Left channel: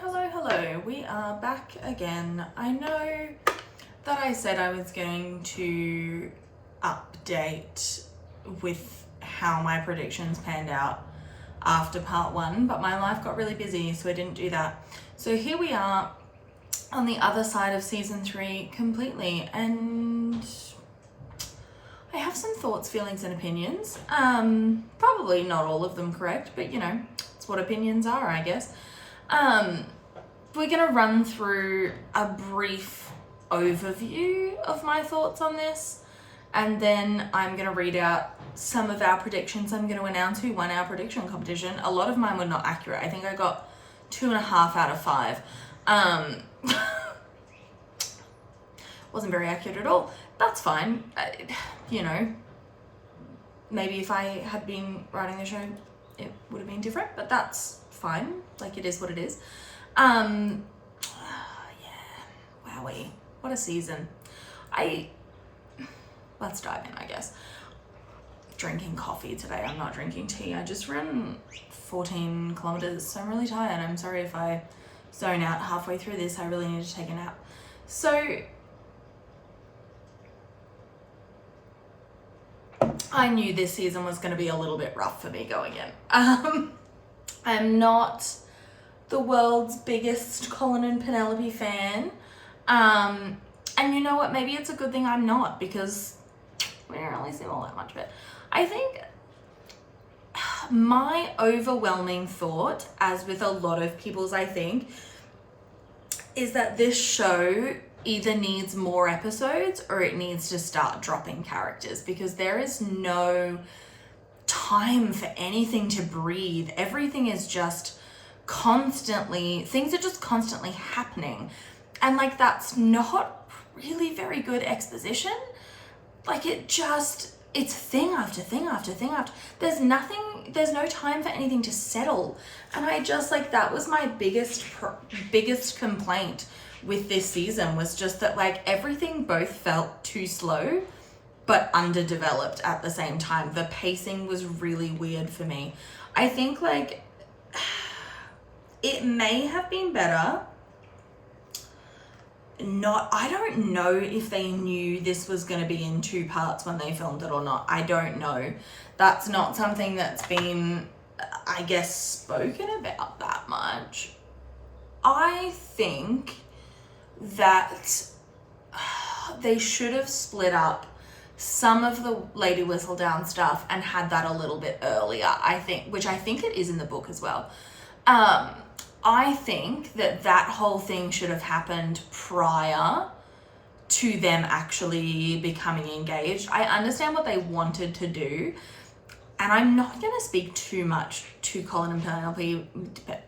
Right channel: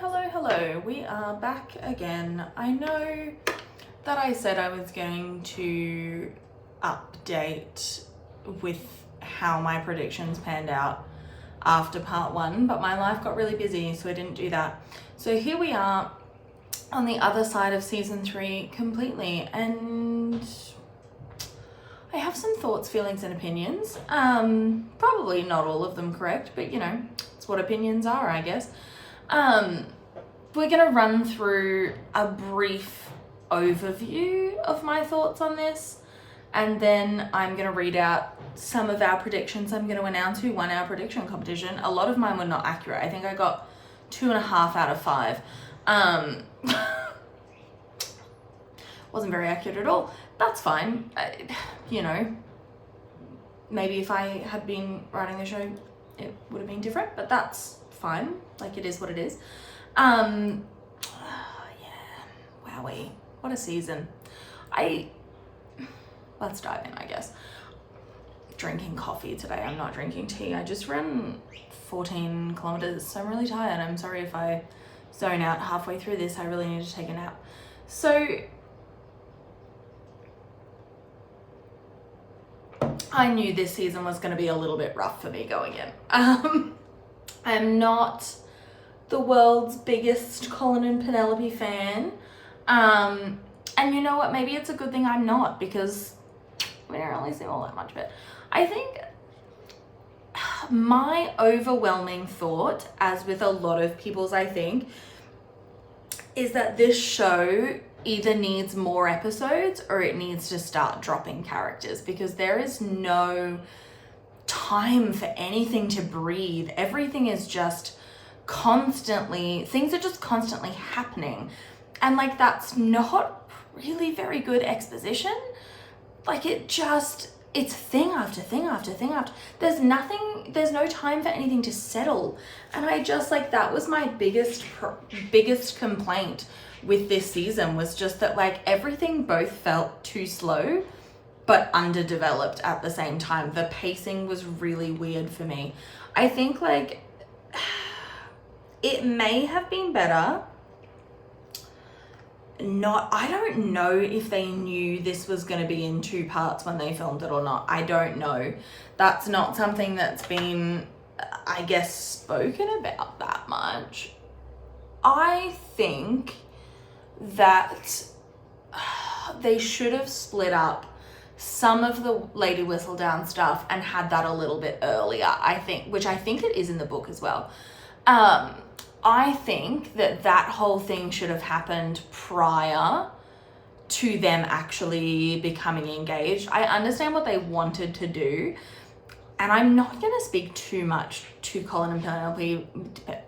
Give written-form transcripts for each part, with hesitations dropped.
Hello. We are back again. I know that I said I was going to update with how my predictions panned out after part one, but my life got really busy, so I didn't do that. So here we are on the other side of season 3 completely, and I have some thoughts, feelings, and opinions. Probably not all of them correct, but you know, it's what opinions are, I guess. We're gonna run through a brief overview of my thoughts on this, and then I'm gonna read out some of our predictions. I'm gonna announce who won our prediction competition. A lot of mine were not accurate. I think I got 2.5 out of 5. Wasn't very accurate at all. That's fine. You know, maybe if I had been writing the show, it would have been different, but that's fine. Like, it is what it is. Yeah, wowee, what a season. Let's dive in, I guess. Drinking coffee today. I'm not drinking tea. I just ran 14 kilometers, so I'm really tired. I'm sorry if I zone out halfway through this. I really need to take a nap. So I knew this season was going to be a little bit rough for me going in. I'm not the world's biggest Colin and Penelope fan. And you know what? Maybe it's a good thing I'm not, because we don't really see all that much of it. I think my overwhelming thought, as with a lot of people's, I think, is that this show either needs more episodes or it needs to start dropping characters, because there is no time for anything to breathe. Everything is just constantly, things are just constantly happening. And like, that's not really very good exposition. Like, it's thing after thing after thing after. There's no time for anything to settle. And I just, like, that was my biggest complaint with this season, was just that, like, everything both felt too slow but underdeveloped at the same time. The pacing was really weird for me. I think, like, it may have been better. I don't know if they knew this was going to be in 2 parts when they filmed it or not. I don't know. That's not something that's been, I guess, spoken about that much. I think that they should have split up some of the Lady Whistledown stuff and had that a little bit earlier, I think, which I think it is in the book as well. I think that whole thing should have happened prior to them actually becoming engaged. I understand what they wanted to do, and I'm not going to speak too much to Colin and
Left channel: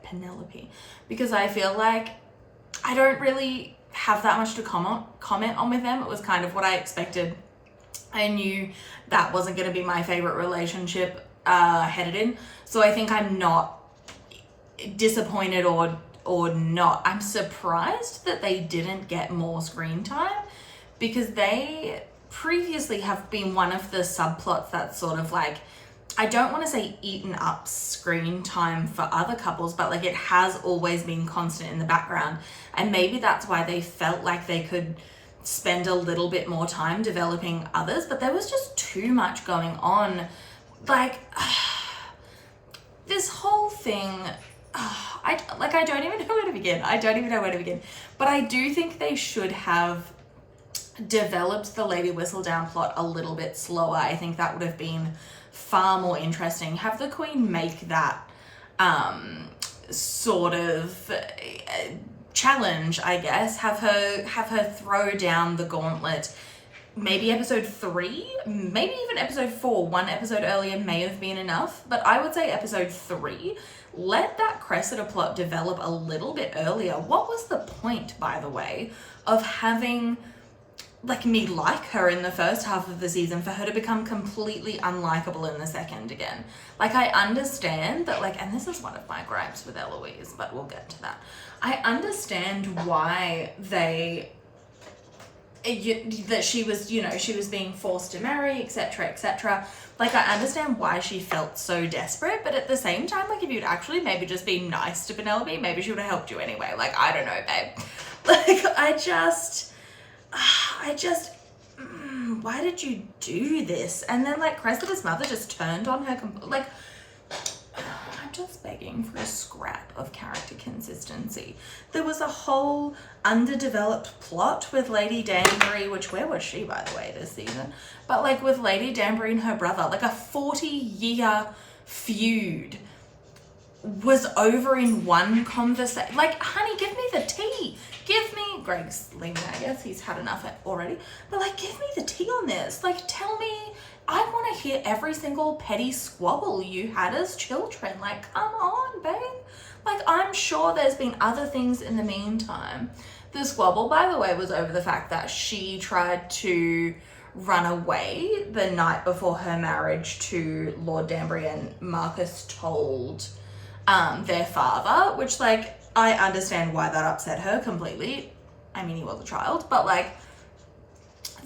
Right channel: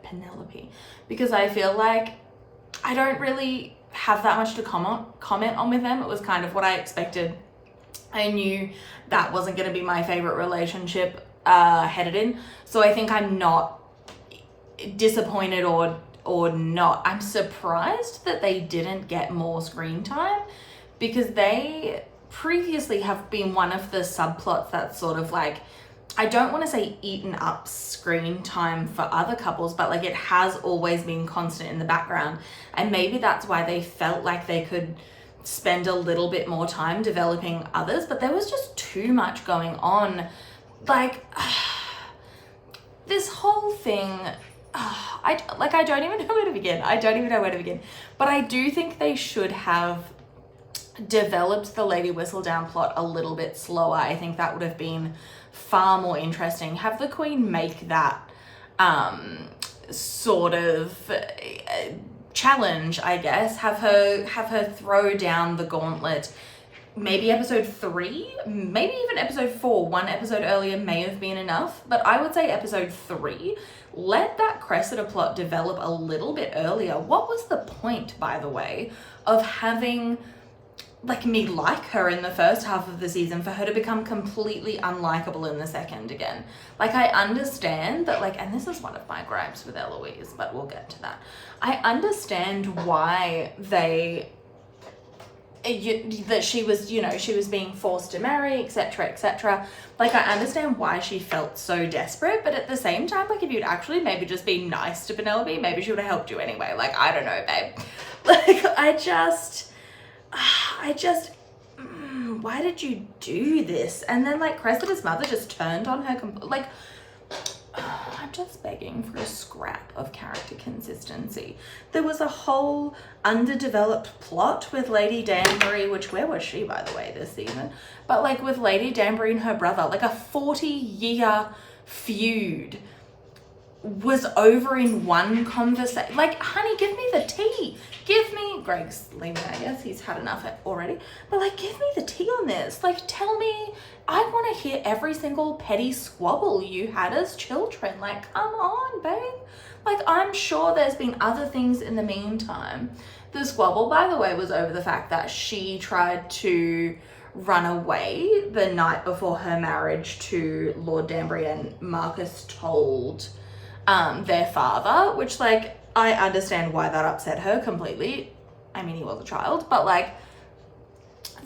Penelope, because I feel like I don't really have that much to comment on with them. It was kind of what I expected. I knew that wasn't going to be my favorite relationship headed in, so I think I'm not disappointed or not. I'm surprised that they didn't get more screen time, because they previously have been one of the subplots that's sort of like, I don't want to say eaten up screen time for other couples, but like, it has always been constant in the background, and maybe that's why they felt like they could spend a little bit more time developing others, but there was just too much going on. Like, this whole thing, I don't even know where to begin. But I do think they should have developed the Lady Whistledown plot a little bit slower. I think that would have been far more interesting. Have the Queen make that sort of challenge, I guess. Have her throw down the gauntlet. Maybe episode 3, maybe even episode 4. 1 episode earlier may have been enough, but I would say episode 3. Let that Cressida plot develop a little bit earlier. What was the point, by the way, of having, like, me like her in the first half of the season for her to become completely unlikable in the second again? Like, I understand that, like, and this is one of my gripes with Eloise, but we'll get to that. I understand why that she was, you know, she was being forced to marry, etc., etc. Like, I understand why she felt so desperate, but at the same time, like, if you'd actually maybe just be nice to Penelope, maybe she would have helped you anyway. Like, I don't know, babe. Like, why did you do this? And then, like, Cressida's mother just turned on her, like, I'm just begging for a scrap of character consistency. There was a whole underdeveloped plot with Lady Danbury, which, where was she, by the way, this season? But, like, with Lady Danbury and her brother, like, a 40-year feud was over in one conversation. Like, honey, give me the tea. Greg's leaving, I guess. He's had enough already. But, like, give me the tea on this. Like, tell me. I want to hear every single petty squabble you had as children. Like, come on, babe. Like, I'm sure there's been other things in the meantime. The squabble, by the way, was over the fact that she tried to run away the night before her marriage to Lord Danbury, and Marcus told their father, which, like, I understand why that upset her completely. I mean, he was a child, but, like,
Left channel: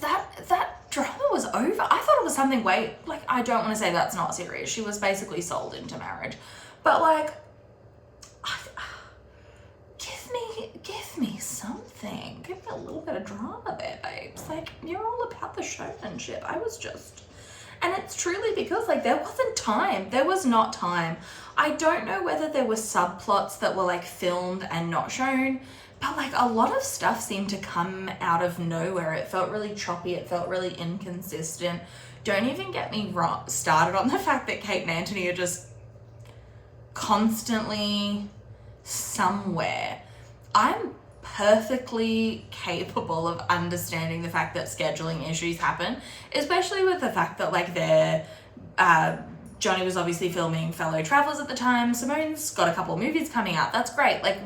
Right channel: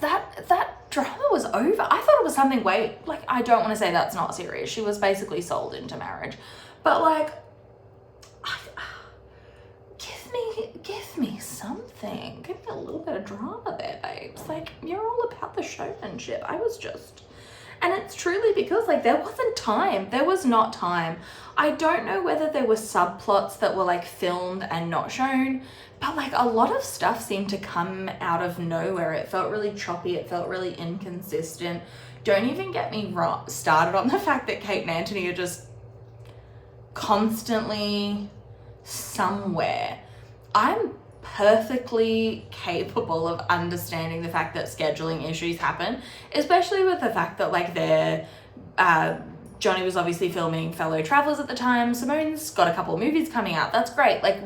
that drama was over. I thought it was something like, I don't want to say that's not serious. She was basically sold into marriage. But, like, give me something. Give me a little bit of drama there, babes. Like, you're all about the showmanship. And it's truly because, like, there wasn't time. There was not time. I don't know whether there were subplots that were, like, filmed and not shown, but, like, a lot of stuff seemed to come out of nowhere. It felt really choppy. It felt really inconsistent. Don't even get me started on the fact that Kate and Anthony are just constantly somewhere. I'm perfectly capable of understanding the fact that scheduling issues happen, especially with the fact that, like, Johnny was obviously filming Fellow Travelers at the time. Simone's got a couple of movies coming out. That's great. Like,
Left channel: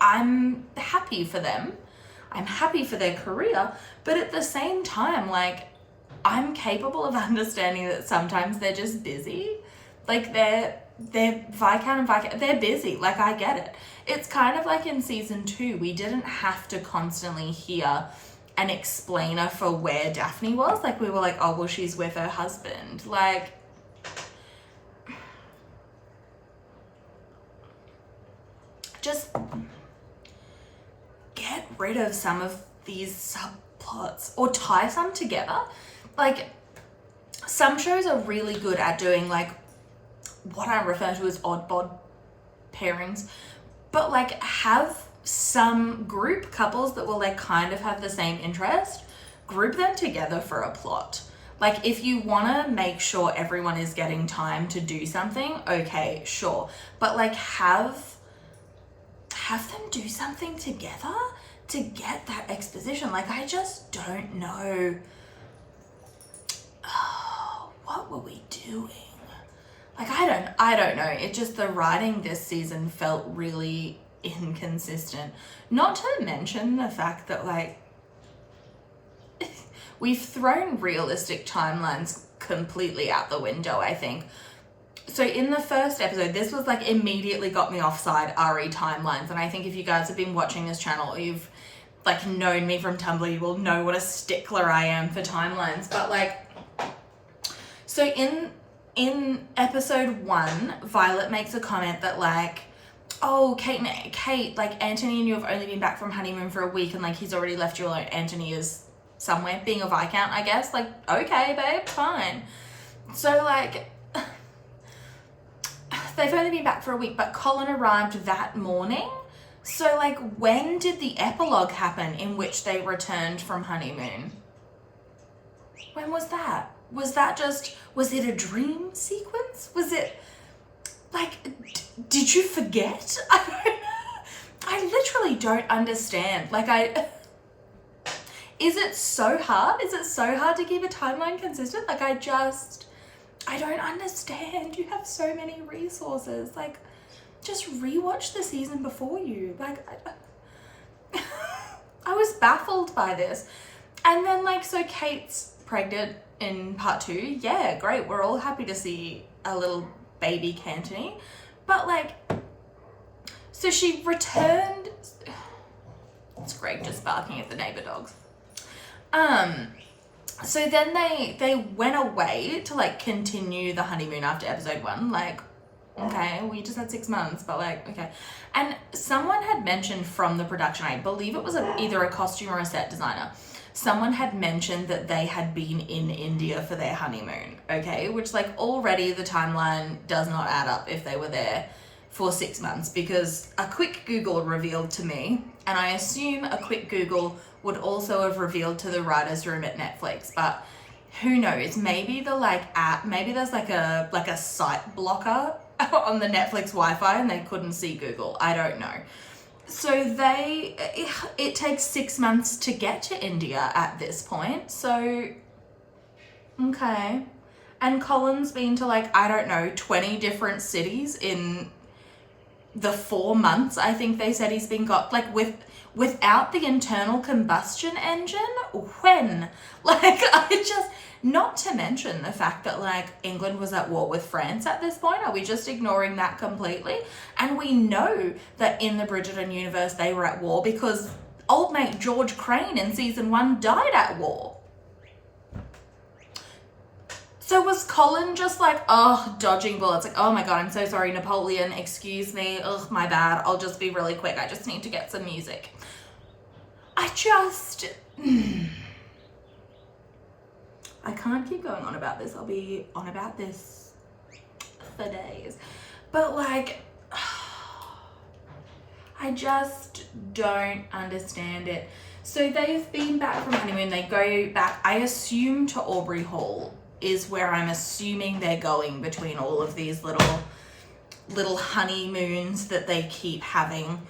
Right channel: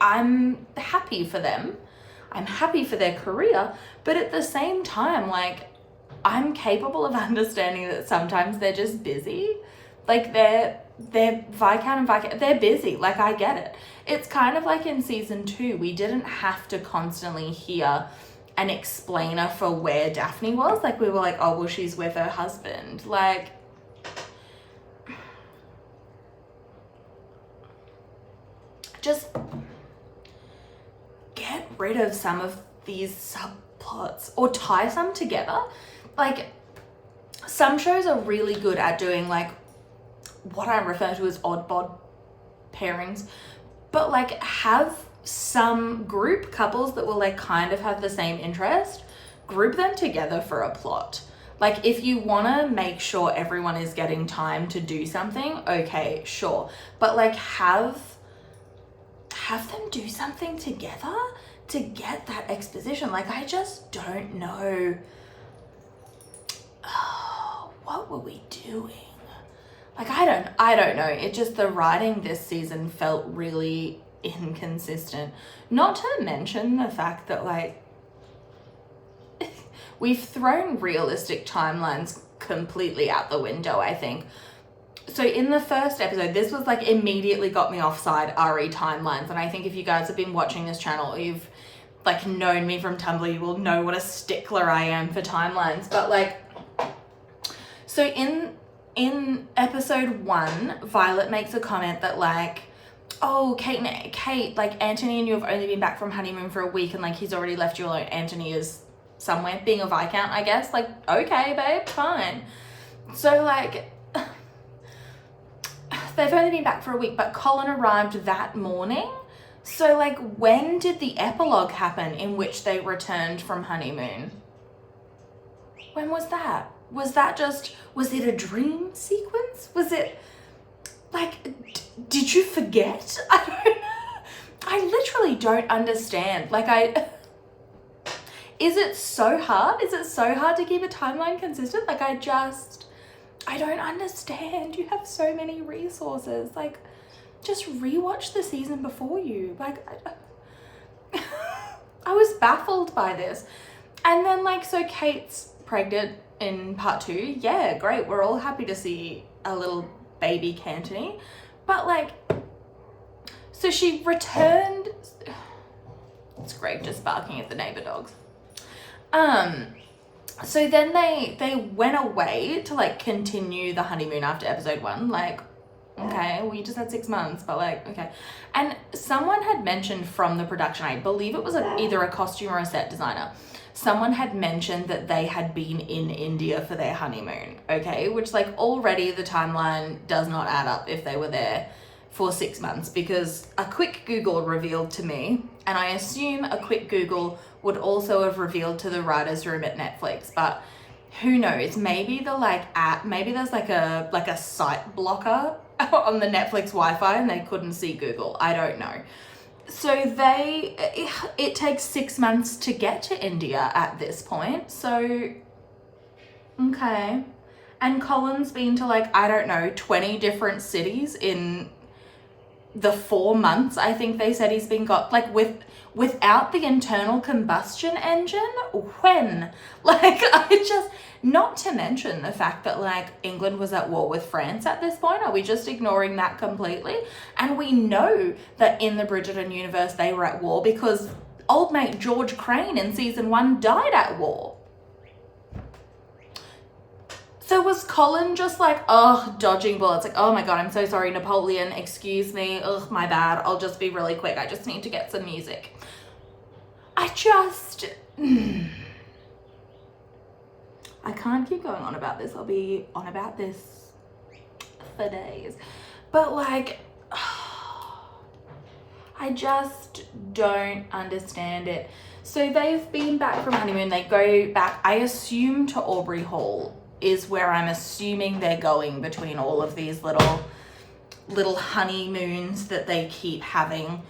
I'm happy for them. I'm happy for their career. But at the same time, like, I'm capable of understanding that sometimes they're just busy. Like, they're Viscount, they're busy. Like, I get it. It's kind of like in season 2, we didn't have to constantly hear an explainer for where Daphne was. Like, we were like, oh, well, she's with her husband. Like, just get rid of some of these subplots or tie some together. Like, some shows are really good at doing, like, what I refer to as odd bod pairings, but, like, have some group couples that will, like, kind of have the same interest, group them together for a plot. Like, if you want to make sure everyone is getting time to do something, okay, sure, but, like, have them do something together to get that exposition. Like, I just don't know. Oh, what were we doing? Like, I don't know. It just, the writing this season felt really inconsistent. Not to mention the fact that, like, we've thrown realistic timelines completely out the window, I think. So in the first episode, this was, like, immediately got me offside RE timelines. And I think if you guys have been watching this channel, or you've, like, known me from Tumblr, you will know what a stickler I am for timelines. But, like, so in episode 1, Violet makes a comment that, like, oh, Kate, like, Anthony and you have only been back from honeymoon for a week, and, like, he's already left you alone. Anthony is somewhere, being a Viscount, I guess. Like, okay, babe, fine. So, like, they've only been back for a week, but Colin arrived that morning. So, like, when did the epilogue happen in which they returned from honeymoon? When was that? Was it a dream sequence? Was it, like, did you forget? I literally don't understand. Like, is it so hard? Is it so hard to keep a timeline consistent? Like, I don't understand. You have so many resources. Like, just rewatch the season before you. Like, I was baffled by this. And then, like, so Kate's pregnant in part 2. Yeah, great. We're all happy to see a little baby Cantony. But, like, so she returned. It's Greg just barking at the neighbor dogs. So then they went away to like continue the honeymoon after episode 1. Like, okay, well, you just had 6 months, but like, okay. And someone had mentioned from the production, I believe it was either a costume or a set designer, someone had mentioned that they had been in India for their honeymoon, okay? Which like already the timeline does not add up if they were there for 6 months, because a quick Google revealed to me, and I assume a quick Google would also have revealed to the writer's room at Netflix, but who knows? Maybe the like app, maybe there's like a site blocker on the Netflix Wi-Fi and they couldn't see Google. I don't know. So it takes 6 months to get to India at this point. So, okay. And Colin's been to like, I don't know, 20 different cities in the 4 months I think they said he's been got, like without the internal combustion engine. When? Like, I just, not to mention the fact that like England was at war with France at this point. Are we just ignoring that completely? And we know that in the Bridgerton universe they were at war because old mate George Crane in season 1 died at war. So was Colin just like, oh, dodging bullets? Like, oh my God, I'm so sorry, Napoleon, excuse me. Ugh, my bad. I'll just be really quick. I just need to get some music. I can't keep going on about this. I'll be on about this for days. But like, I just don't understand it. So they've been back from honeymoon. They go back, I assume, to Aubrey Hall is where I'm assuming they're going between all of these little honeymoons that they keep having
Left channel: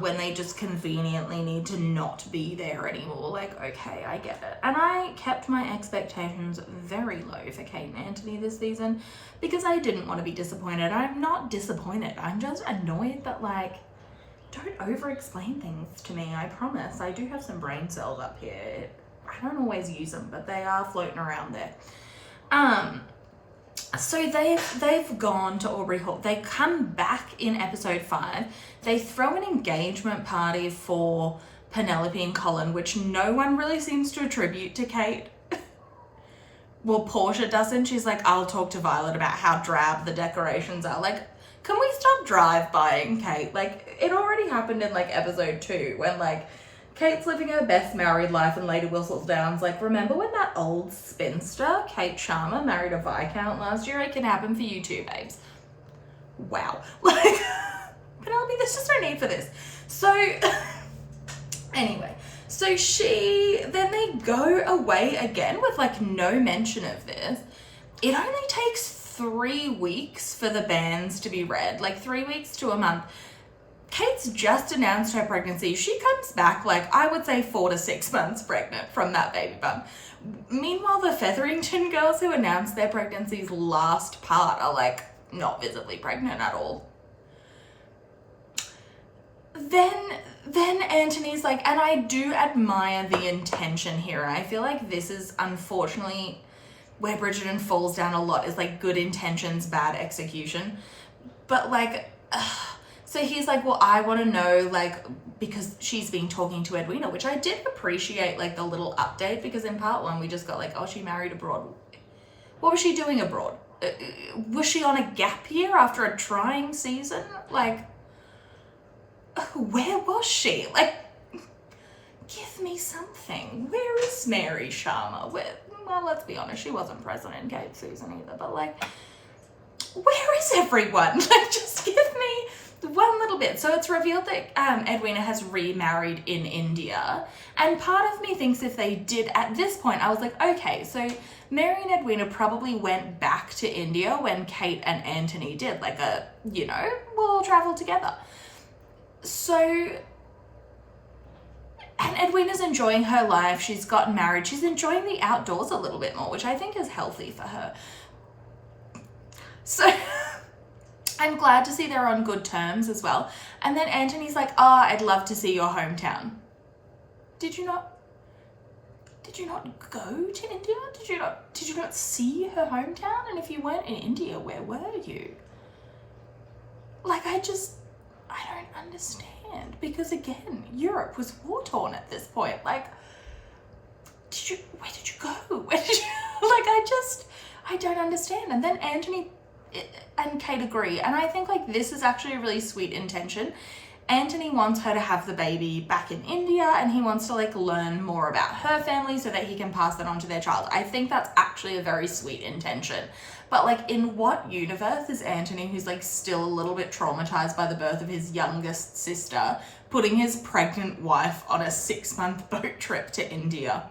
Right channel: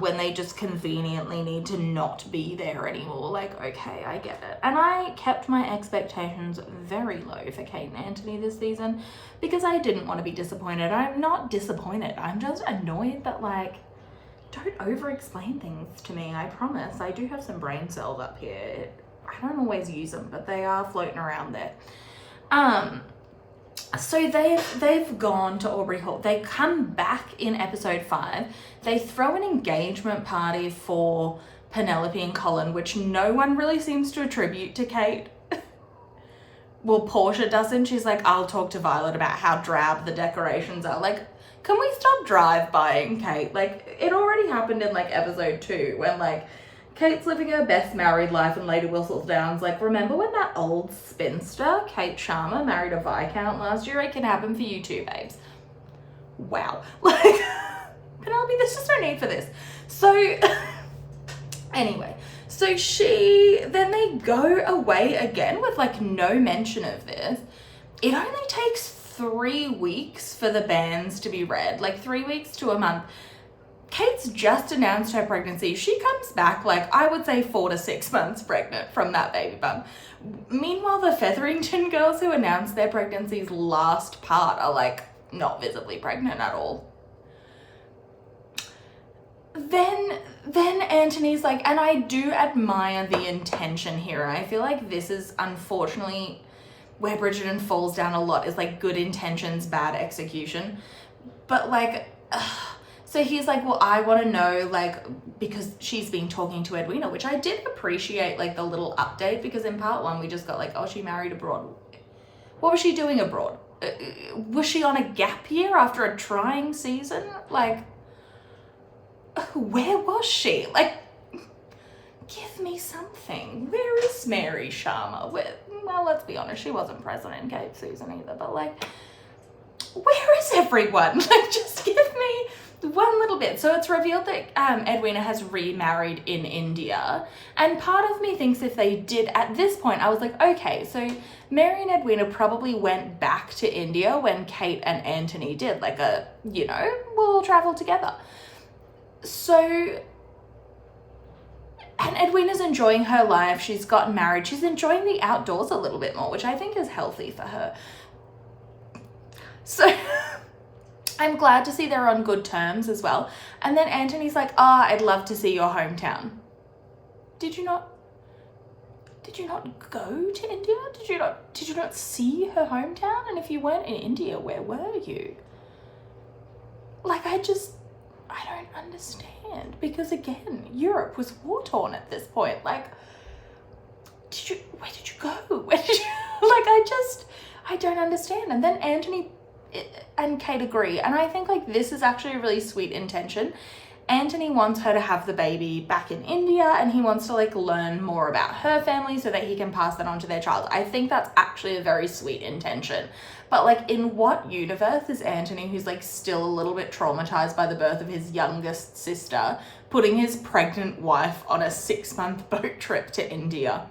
when they just conveniently need to not be there anymore. Like, okay, I get it. And I kept my expectations very low for Kate and Anthony this season because I didn't want to be disappointed. I'm not disappointed. I'm just annoyed that, like, don't over-explain things to me. I promise. I do have some brain cells up here. I don't always use them, but they are floating around there. So they've gone to Aubrey Hall. They come back in episode 5. They throw an engagement party for Penelope and Colin, which no one really seems to attribute to Kate. Well, Portia doesn't. She's like, I'll talk to Violet about how drab the decorations are. Like, can we stop drive-buying Kate? Like, it already happened in like episode 2 when like Kate's living her best married life and Lady Whistledown's like, remember when that old spinster, Kate Sharma, married a Viscount last year? It can happen for you too, babes. Wow. Like, Penelope, there's just no need for this. So, anyway, so then they go away again with like no mention of this. It only takes 3 weeks for the banns to be read, like 3 weeks to a month. Kate's just announced her pregnancy. She comes back like, I would say 4 to 6 months pregnant from that baby bump. Meanwhile, the Featherington girls who announced their pregnancy's last part are like not visibly pregnant at all. Then Anthony's like, and I do admire the intention here, and I feel like this is unfortunately where Bridgerton falls down a lot, is like good intentions, bad execution. But like, so he's like, well, I want to know, like, because she's been talking to Edwina, which I did appreciate, like the little update, because in part 1 we just got like, oh, she married abroad. What was she doing abroad? Was she on a gap year after a trying season? Like, where was she? Like, give me something. Where is Mary Sharma? Well, let's be honest, she wasn't present in Kate's season either, but like, where is everyone? Like, just give me one little bit. So it's revealed that Edwina has remarried in India, and part of me thinks if they did at this point, I was like, okay, so Mary and Edwina probably went back to India when Kate and Anthony did, like a, you know, we'll travel together. So, and Edwina's enjoying her life. She's gotten married. She's enjoying the outdoors a little bit more, which I think is healthy for her. So I'm glad to see they're on good terms as well. And then Anthony's like, oh, I'd love to see your hometown. Did you not go to India? Did you not see her hometown? And if you weren't in India, where were you? Like, I don't understand, because again, Europe was war torn at this point. Like, where did you go? Where did you, like, I don't understand. And then Anthony and Kate agree. And I think, like, this is actually a really sweet intention. Anthony wants her to have the baby back in India, and he wants to, like, learn more about her family so that he can pass that on to their child. I think that's actually a very sweet intention. But, like, in what universe is Anthony, who's, like, still a little bit traumatized by the birth of his youngest sister, putting his pregnant wife on a 6-month boat trip to India?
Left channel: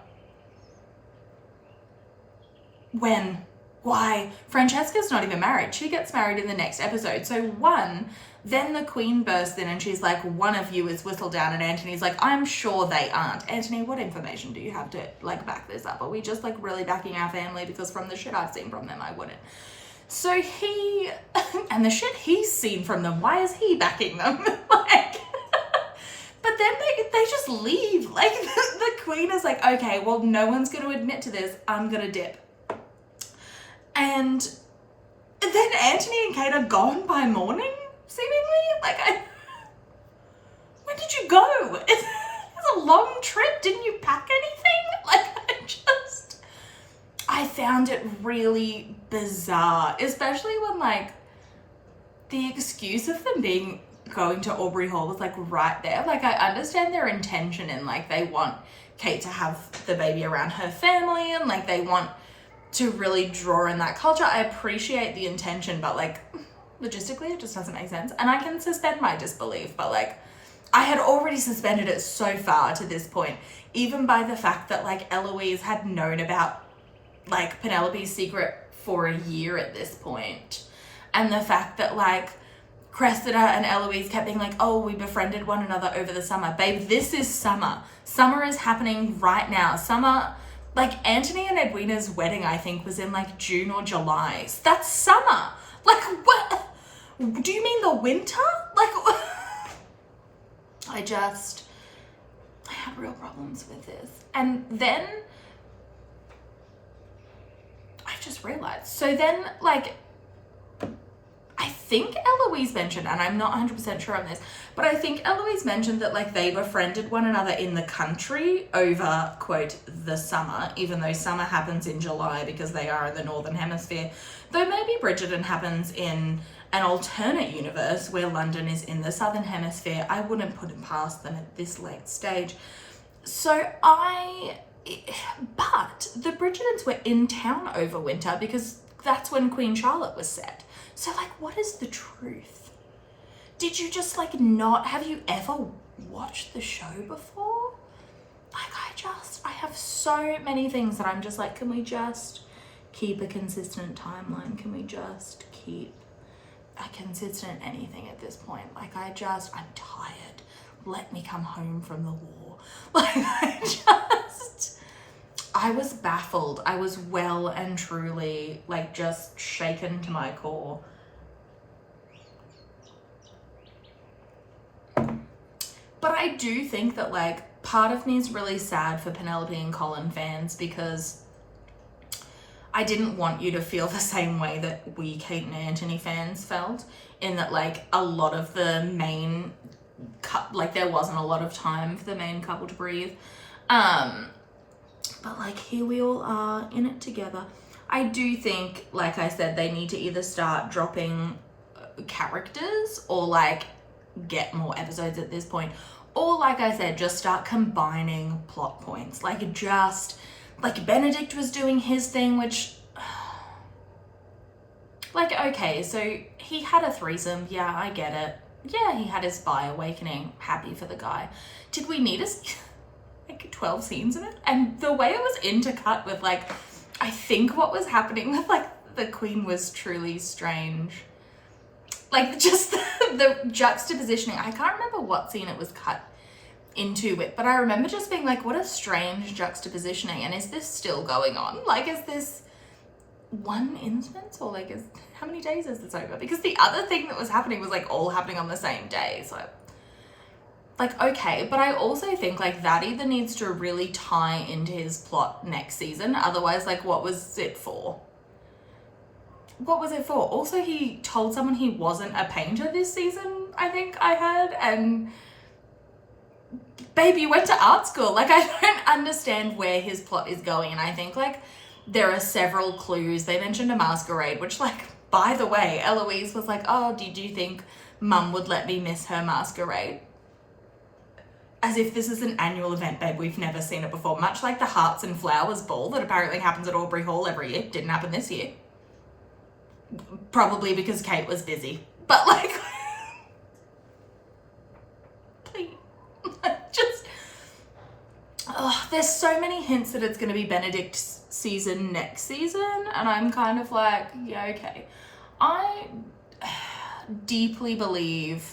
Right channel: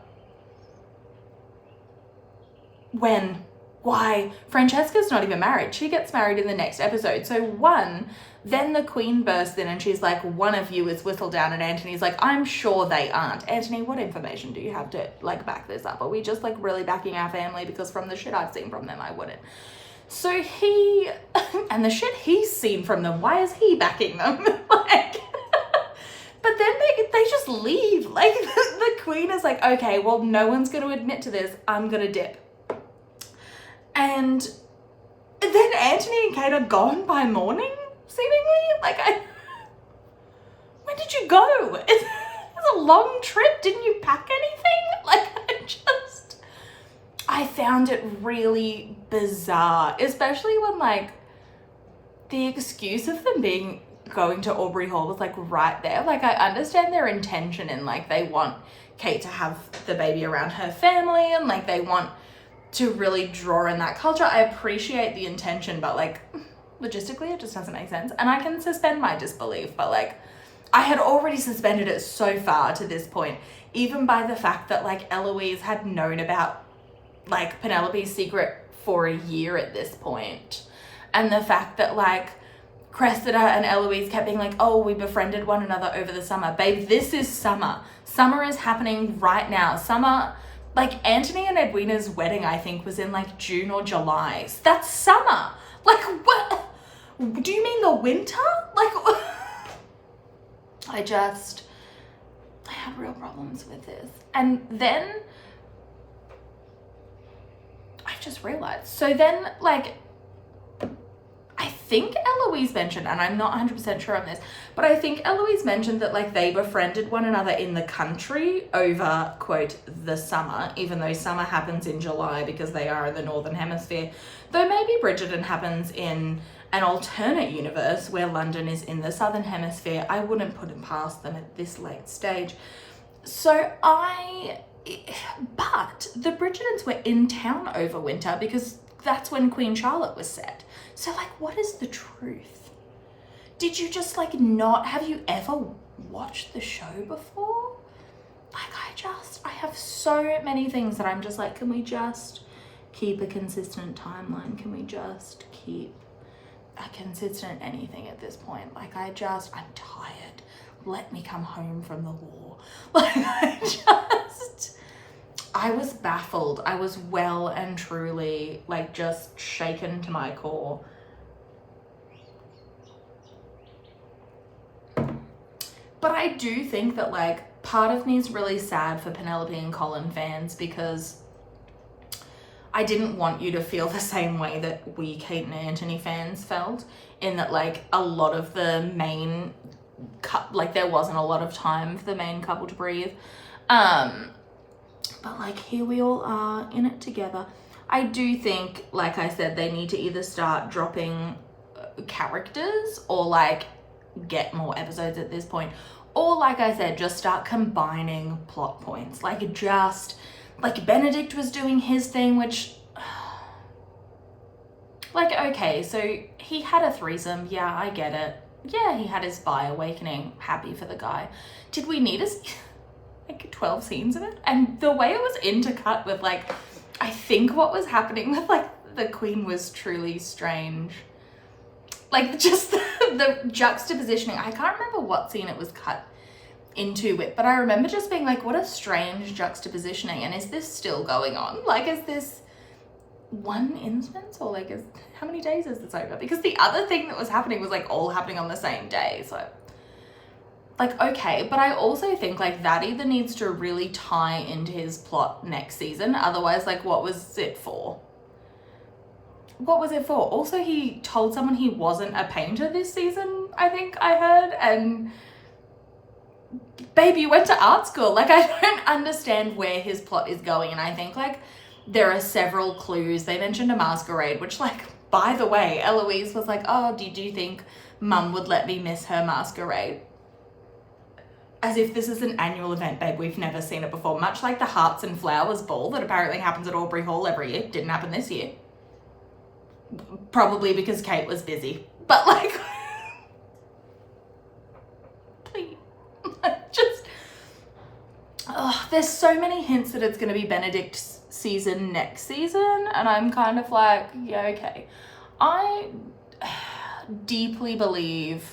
When? Why? Francesca's not even married. She gets married in the next episode. So then the Queen bursts in and she's like, one of you is Whistledown, and Anthony's like, I'm sure they aren't. Anthony, what information do you have to, like, back this up? Are we just, like, really backing our family? Because from the shit I've seen from them, I wouldn't. So he, and the shit he's seen from them, why is he backing them? Like, but then they just leave. Like, the Queen is like, okay, well, no one's going to admit to this. I'm going to dip. And then Anthony and Kate are gone by morning, seemingly. Like, when did you go? It's a long trip. Didn't you pack anything? Like, I found it really bizarre, especially when, like, the excuse of them going to Aubrey Hall was, like, right there. Like, I understand their intention and, like, they want Kate to have the baby around her family and, like, they want to really draw in that culture. I appreciate the intention, but, like, logistically it just doesn't make sense. And I can suspend my disbelief, but, like, I had already suspended it so far to this point, even by the fact that, like, Eloise had known about, like, Penelope's secret for a year at this point. And the fact that, like, Cressida and Eloise kept being like, oh, we befriended one another over the summer. Babe, this is summer. Summer is happening right now. Summer, like, Anthony and Edwina's wedding, I think, was in, like, June or July. That's summer. Like, what? Do you mean the winter? Like, I had real problems with this. And then I just realized. So then, like, I think Eloise mentioned, and I'm not 100% sure on this, but I think Eloise mentioned that, like, they befriended one another in the country over, quote, the summer, even though summer happens in July because they are in the Northern Hemisphere. Though maybe Bridgerton happens in an alternate universe where London is in the Southern Hemisphere. I wouldn't put it past them at this late stage. But the Bridgertons were in town over winter because that's when Queen Charlotte was set. So, like, what is the truth? Did you just, like, have you ever watched the show before? Like, I have so many things that I'm just like, can we just keep a consistent timeline? Can we just keep a consistent anything at this point? Like, I'm tired. Let me come home from the war. Like, I was baffled. I was well and truly, like, just shaken to my core. But I do think that, like, part of me is really sad for Penelope and Colin fans because I didn't want you to feel the same way that we Kate and Anthony fans felt, in that, like, a lot of the main, like, there wasn't a lot of time for the main couple to breathe. But, like, here we all are in it together. I do think, like I said, they need to either start dropping characters or, like, get more episodes at this point. Or, like I said, just start combining plot points. Like, Benedict was doing his thing, which, like, okay, so he had a threesome. Yeah, I get it. Yeah, he had his bi-awakening. Happy for the guy. Did we need like 12 scenes of it? And the way it was intercut with, like, I think what was happening with, like, the Queen was truly strange. Like, just the juxtapositioning. I can't remember what scene it was cut into with, but I remember just being like, what a strange juxtapositioning, and is this still going on? Like, is this one instance, or, like, how many days is this over? Because the other thing that was happening was, like, all happening on the same day, so, like, okay. But I also think, like, that either needs to really tie into his plot next season, otherwise, like, what was it for? What was it for? Also, he told someone he wasn't a painter this season, I think I heard, and babe, you went to art school. Like, I don't understand where his plot is going. And I think, like, there are several clues. They mentioned a masquerade, which, like, by the way, Eloise was like, oh, did you think mum would let me miss her masquerade? As if this is an annual event, babe. We've never seen it before. Much like the Hearts and Flowers ball that apparently happens at Aubrey Hall every year. Didn't happen this year. Probably because Kate was busy. But, like, please. Just, there's so many hints that it's going to be Benedict's season next season. And I'm kind of like, yeah, okay. I deeply believe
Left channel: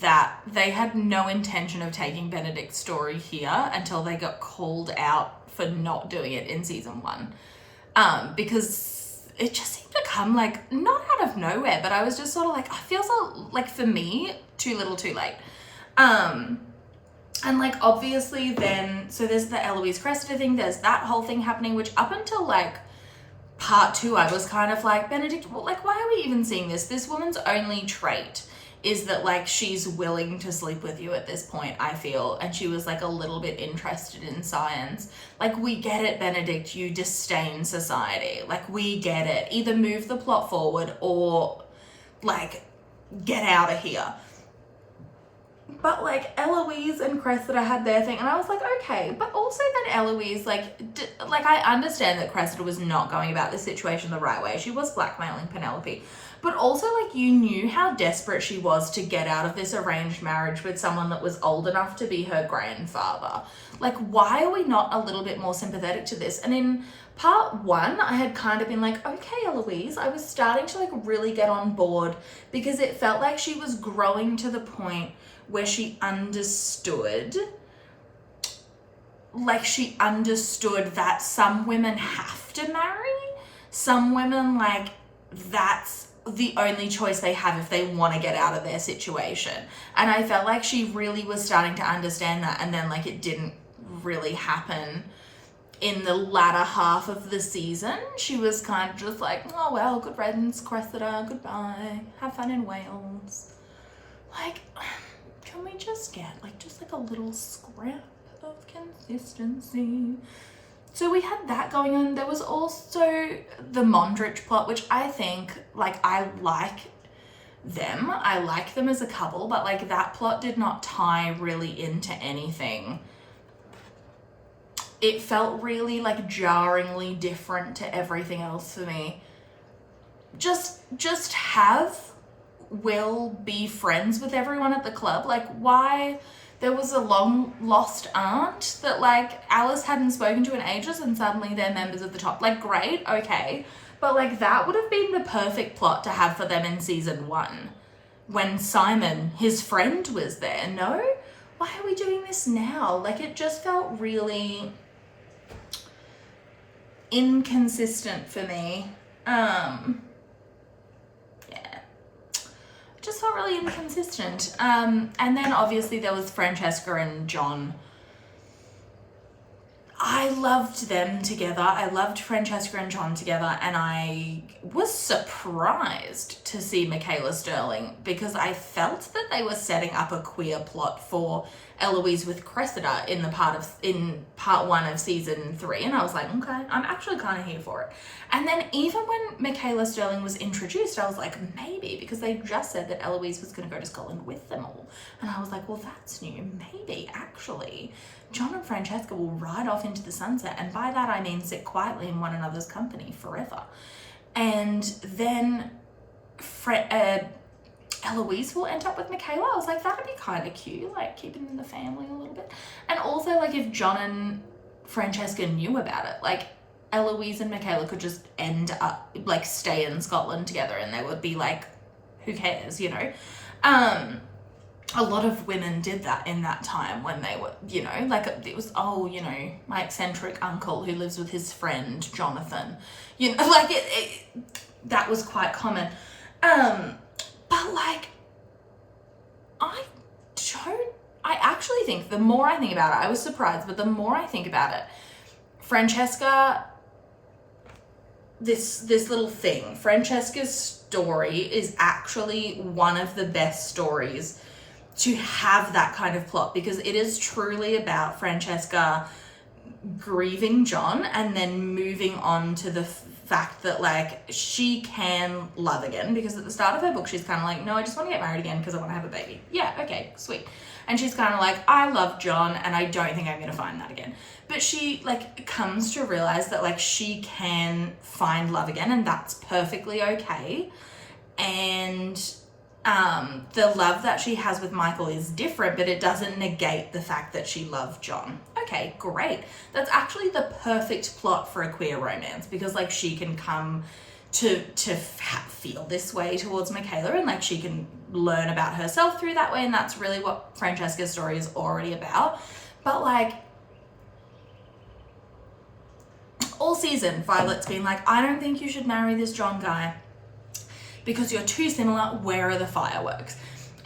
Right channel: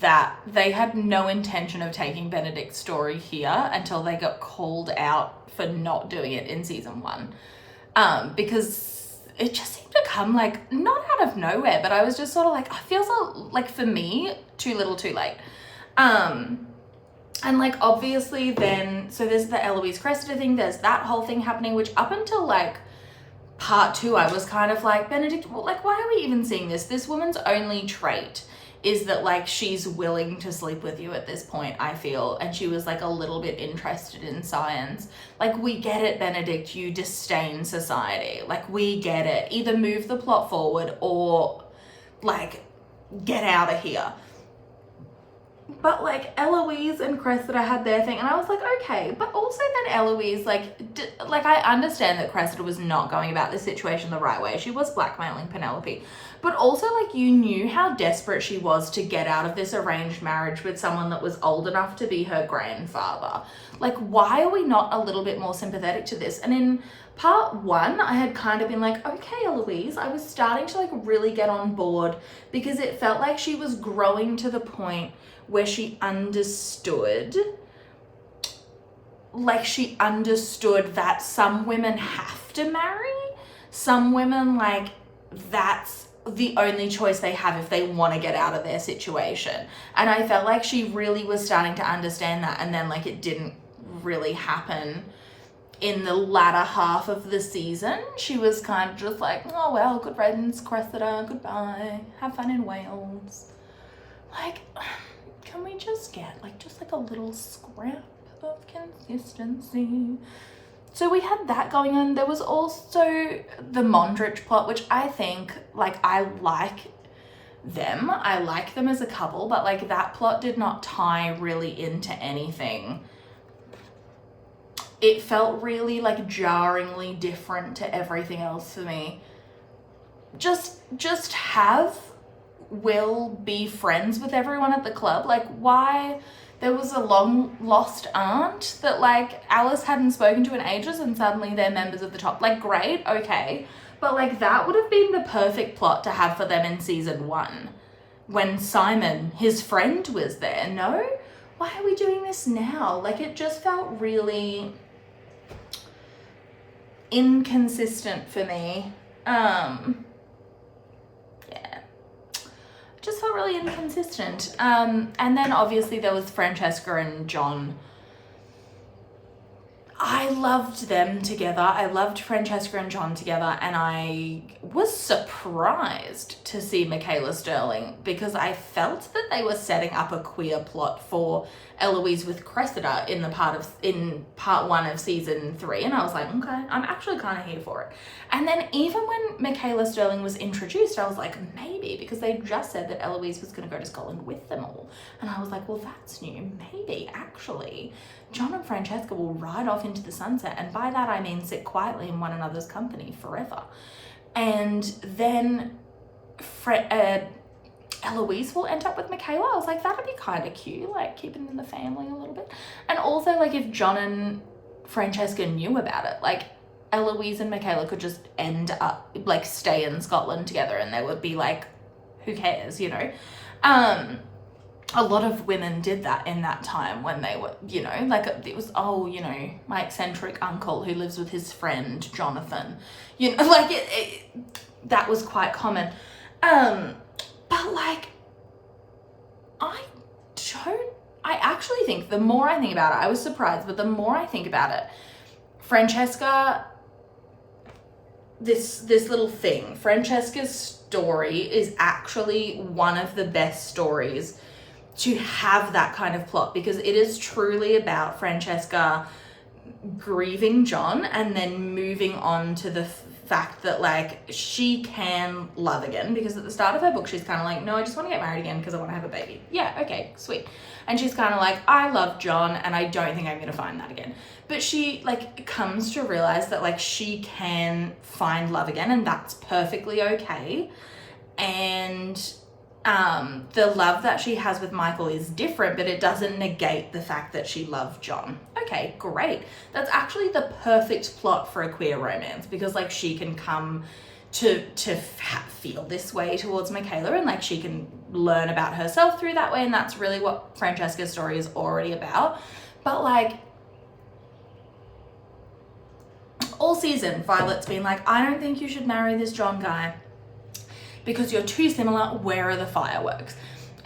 that they had no intention of taking Benedict's story here until they got called out for not doing it in season 1. Because it just seemed to come, like, not out of nowhere, but I was just sort of like, I feel so, like, for me, too little too late. And, like, obviously then, so there's the Eloise Cressida thing, there's that whole thing happening, which up until, like, part 2, I was kind of like, Benedict, well, like, why are we even seeing this? This woman's only trait is that, like, she's willing to sleep with you at this point, I feel. And she was, like, a little bit interested in science. Like, we get it, Benedict, you disdain society. Like, we get it. Either move the plot forward or, like, get out of here. But, like, Eloise and Cressida had their thing, and I was like, okay. But also then Eloise, like, I understand that Cressida was not going about this situation the right way. She was blackmailing Penelope. But also, like, you knew how desperate she was to get out of this arranged marriage with someone that was old enough to be her grandfather. Like, why are we not a little bit more sympathetic to this? And in part 1, I had kind of been like, okay, Eloise, I was starting to, like, really get on board because it felt like she was growing to the point where she understood, like, she understood that some women have to marry. Some women, like, that's the only choice they have if they want to get out of their situation. And I felt like she really was starting to understand that, and then, like, it didn't really happen in the latter half of the season. She was kind of just like, oh well, good riddance, Cressida, goodbye, have fun in Wales. Like, can we just get, like, just like a little scrap of consistency? So we had that going on. There was also the Mondrich plot, which I think, like, I like them. I like them as a couple, but, like, that plot did not tie really into anything. It felt really, like, jarringly different to everything else for me. Just have Will be friends with everyone at the club. Like, why? There was a long lost aunt that, like, Alice hadn't spoken to in ages, and suddenly they're members of the top. Like, great, okay. But, like, that would have been the perfect plot to have for them in season 1 when Simon, his friend, was there. No? Why are we doing this now? Like, it just felt really inconsistent for me. Just felt really inconsistent. And then obviously there was Francesca and John. I loved them together. I loved Francesca and John together, and I was surprised to see Michaela Sterling because I felt that they were setting up a queer plot for Eloise with Cressida in part 1 of season 3, and I was like, okay, I'm actually kind of here for it. And then even when Michaela Sterling was introduced, I was like, maybe, because they just said that Eloise was going to go to Scotland with them all, and I was like, well, that's new. Maybe actually John and Francesca will ride off into the sunset, and by that I mean sit quietly in one another's company forever. And then Eloise will end up with Michaela. I was like, that'd be kind of cute, like keeping in the family a little bit. And also, like, if John and Francesca knew about it, like, Eloise and Michaela could just end up, like, stay in Scotland together, and they would be like, who cares, you know? A lot of women did that in that time when they were, you know, like, it was, oh, you know, my eccentric uncle who lives with his friend Jonathan, you know, like, that was quite common. But, like, I actually think, the more I think about it, I was surprised, but the more I think about it, Francesca, this little thing, Francesca's story is actually one of the best stories to have that kind of plot, because it is truly about Francesca grieving John and then moving on to the fact that like she can love again, because at the start of her book she's kind of like, no, I just want to get married again because I want to have a baby. Yeah, okay, sweet. And she's kind of like, I love John and I don't think I'm going to find that again. But she like comes to realize that like she can find love again, and that's perfectly okay. And the love that she has with Michael is different, but it doesn't negate the fact that she loved John. Okay, great. That's actually the perfect plot for a queer romance, because like she can come to feel this way towards Michaela, and like she can learn about herself through that way, and that's really what Francesca's story is already about. But like all season, Violet's been like, I don't think you should marry this John guy because you're too similar. Where are the fireworks?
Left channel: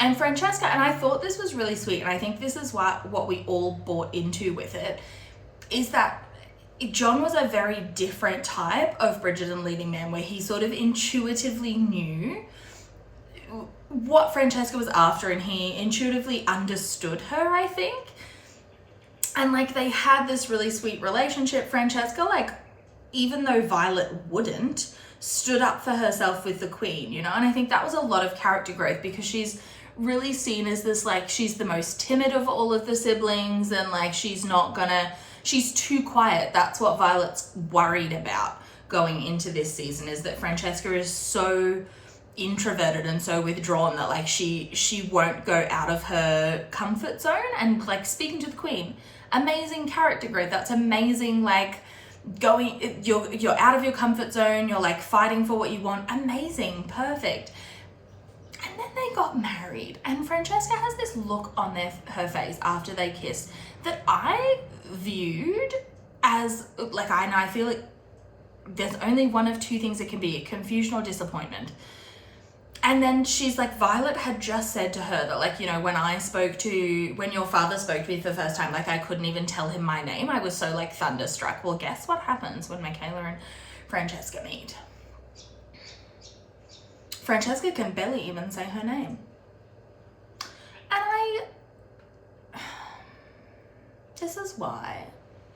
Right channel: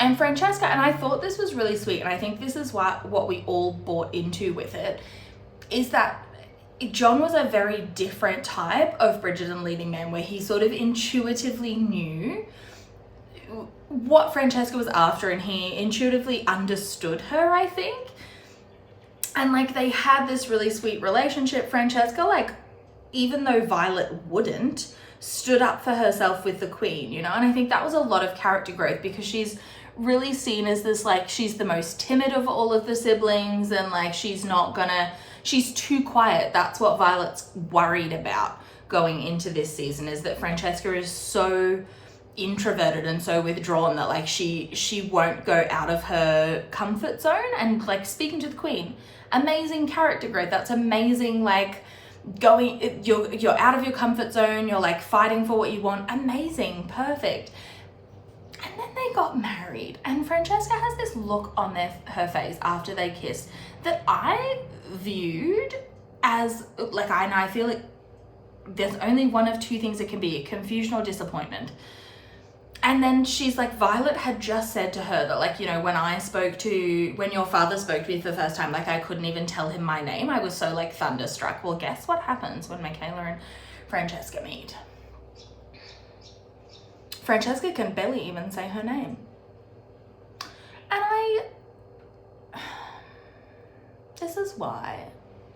And Francesca, and I thought this was really sweet, and I think this is what we all bought into with it, is that John was a very different type of Bridgerton leading man, where he sort of intuitively knew what Francesca was after, and he intuitively understood her, I think. And like they had this really sweet relationship. Francesca, like, even though Violet wouldn't, stood up for herself with the queen, you know? And I think that was a lot of character growth, because she's really seen as this, like, she's the most timid of all of the siblings, and like she's too quiet. That's what Violet's worried about going into this season, is that Francesca is so introverted and so withdrawn that like she won't go out of her comfort zone. And like speaking to the queen, amazing character growth. That's amazing. Like you're out of your comfort zone, you're like fighting for what you want. Amazing, perfect. And then they got married, and Francesca has this look on her face after they kissed that I viewed as like, I feel like there's only one of two things it can be: confusion or disappointment. And then she's like, Violet had just said to her that like, you know, when your father spoke to me for the first time, like I couldn't even tell him my name. I was so like thunderstruck. Well, guess what happens when Michaela and Francesca meet? Francesca can barely even say her name. And this is why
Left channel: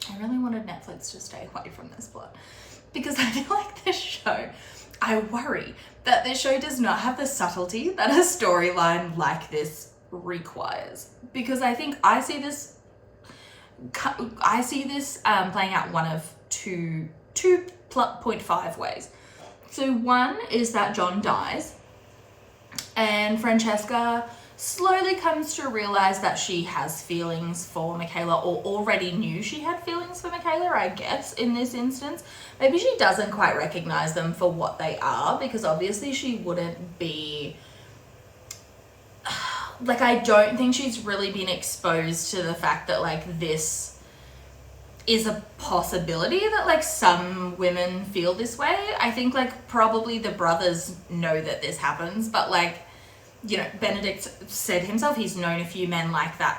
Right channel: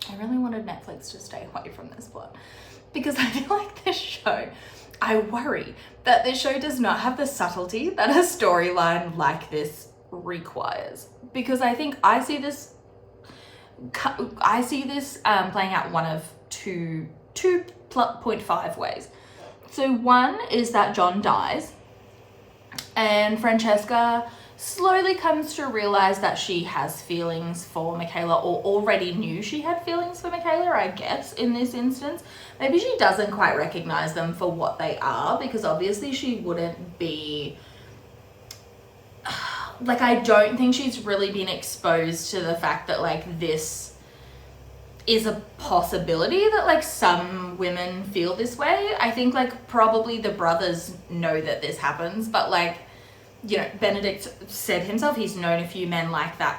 I really wanted Netflix to stay away from this plot, because I feel like this show, I worry that this show does not have the subtlety that a storyline like this requires. Because I think I see this playing out one of 2.5 ways. So one is that John dies, and Francesca slowly comes to realize that she has feelings for Michaela, or already knew she had feelings for Michaela, I guess, in this instance. Maybe she doesn't quite recognize them for what they are, because obviously she wouldn't be... Like, I don't think she's really been exposed to the fact that, like, this is a possibility, that, like, some women feel this way. I think, like, probably the brothers know that this happens, but, like, you know, Benedict said himself, he's known a few men like that.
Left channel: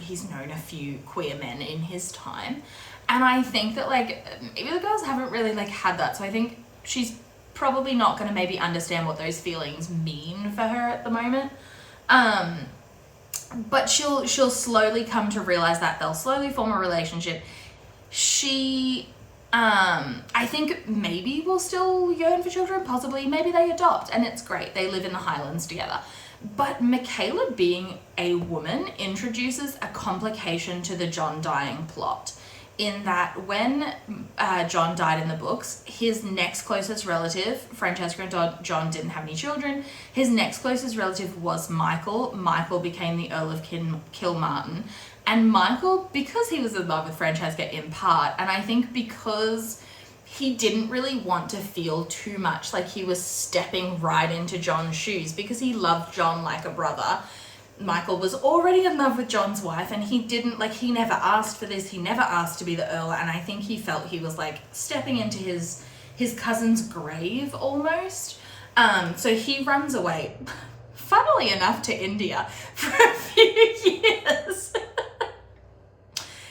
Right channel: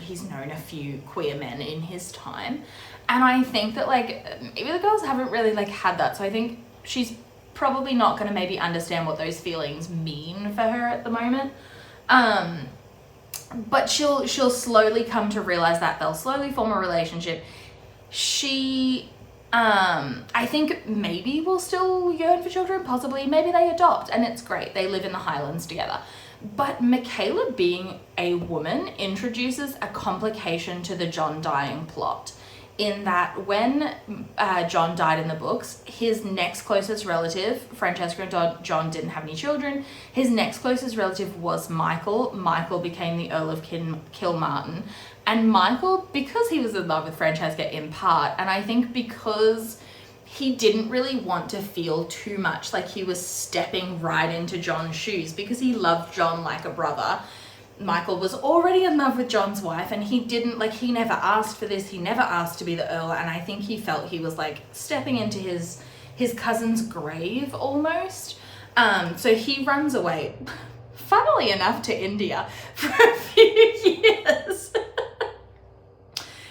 He's known a few queer men in his time. And I think that, like, maybe the girls haven't really, like, had that. So I think she's probably not going to maybe understand what those feelings mean for her at the moment. But she'll slowly come to realize that. They'll slowly form a relationship. She... I think maybe will still yearn for children, possibly. Maybe they adopt, and it's great. They live in the Highlands together. But Michaela being a woman introduces a complication to the John dying plot, in that when John died in the books, his next closest relative, Francesca and John didn't have any children, his next closest relative was Michael. Michael became the Earl of Kilmartin. And Michael, because he was in love with Francesca in part, and I think because he didn't really want to feel too much like he was stepping right into John's shoes, because he loved John like a brother. Michael was already in love with John's wife, and he didn't, like, he never asked for this. He never asked to be the Earl, and I think he felt he was, like, stepping into his cousin's grave almost. So he runs away, funnily enough, to India for a few years.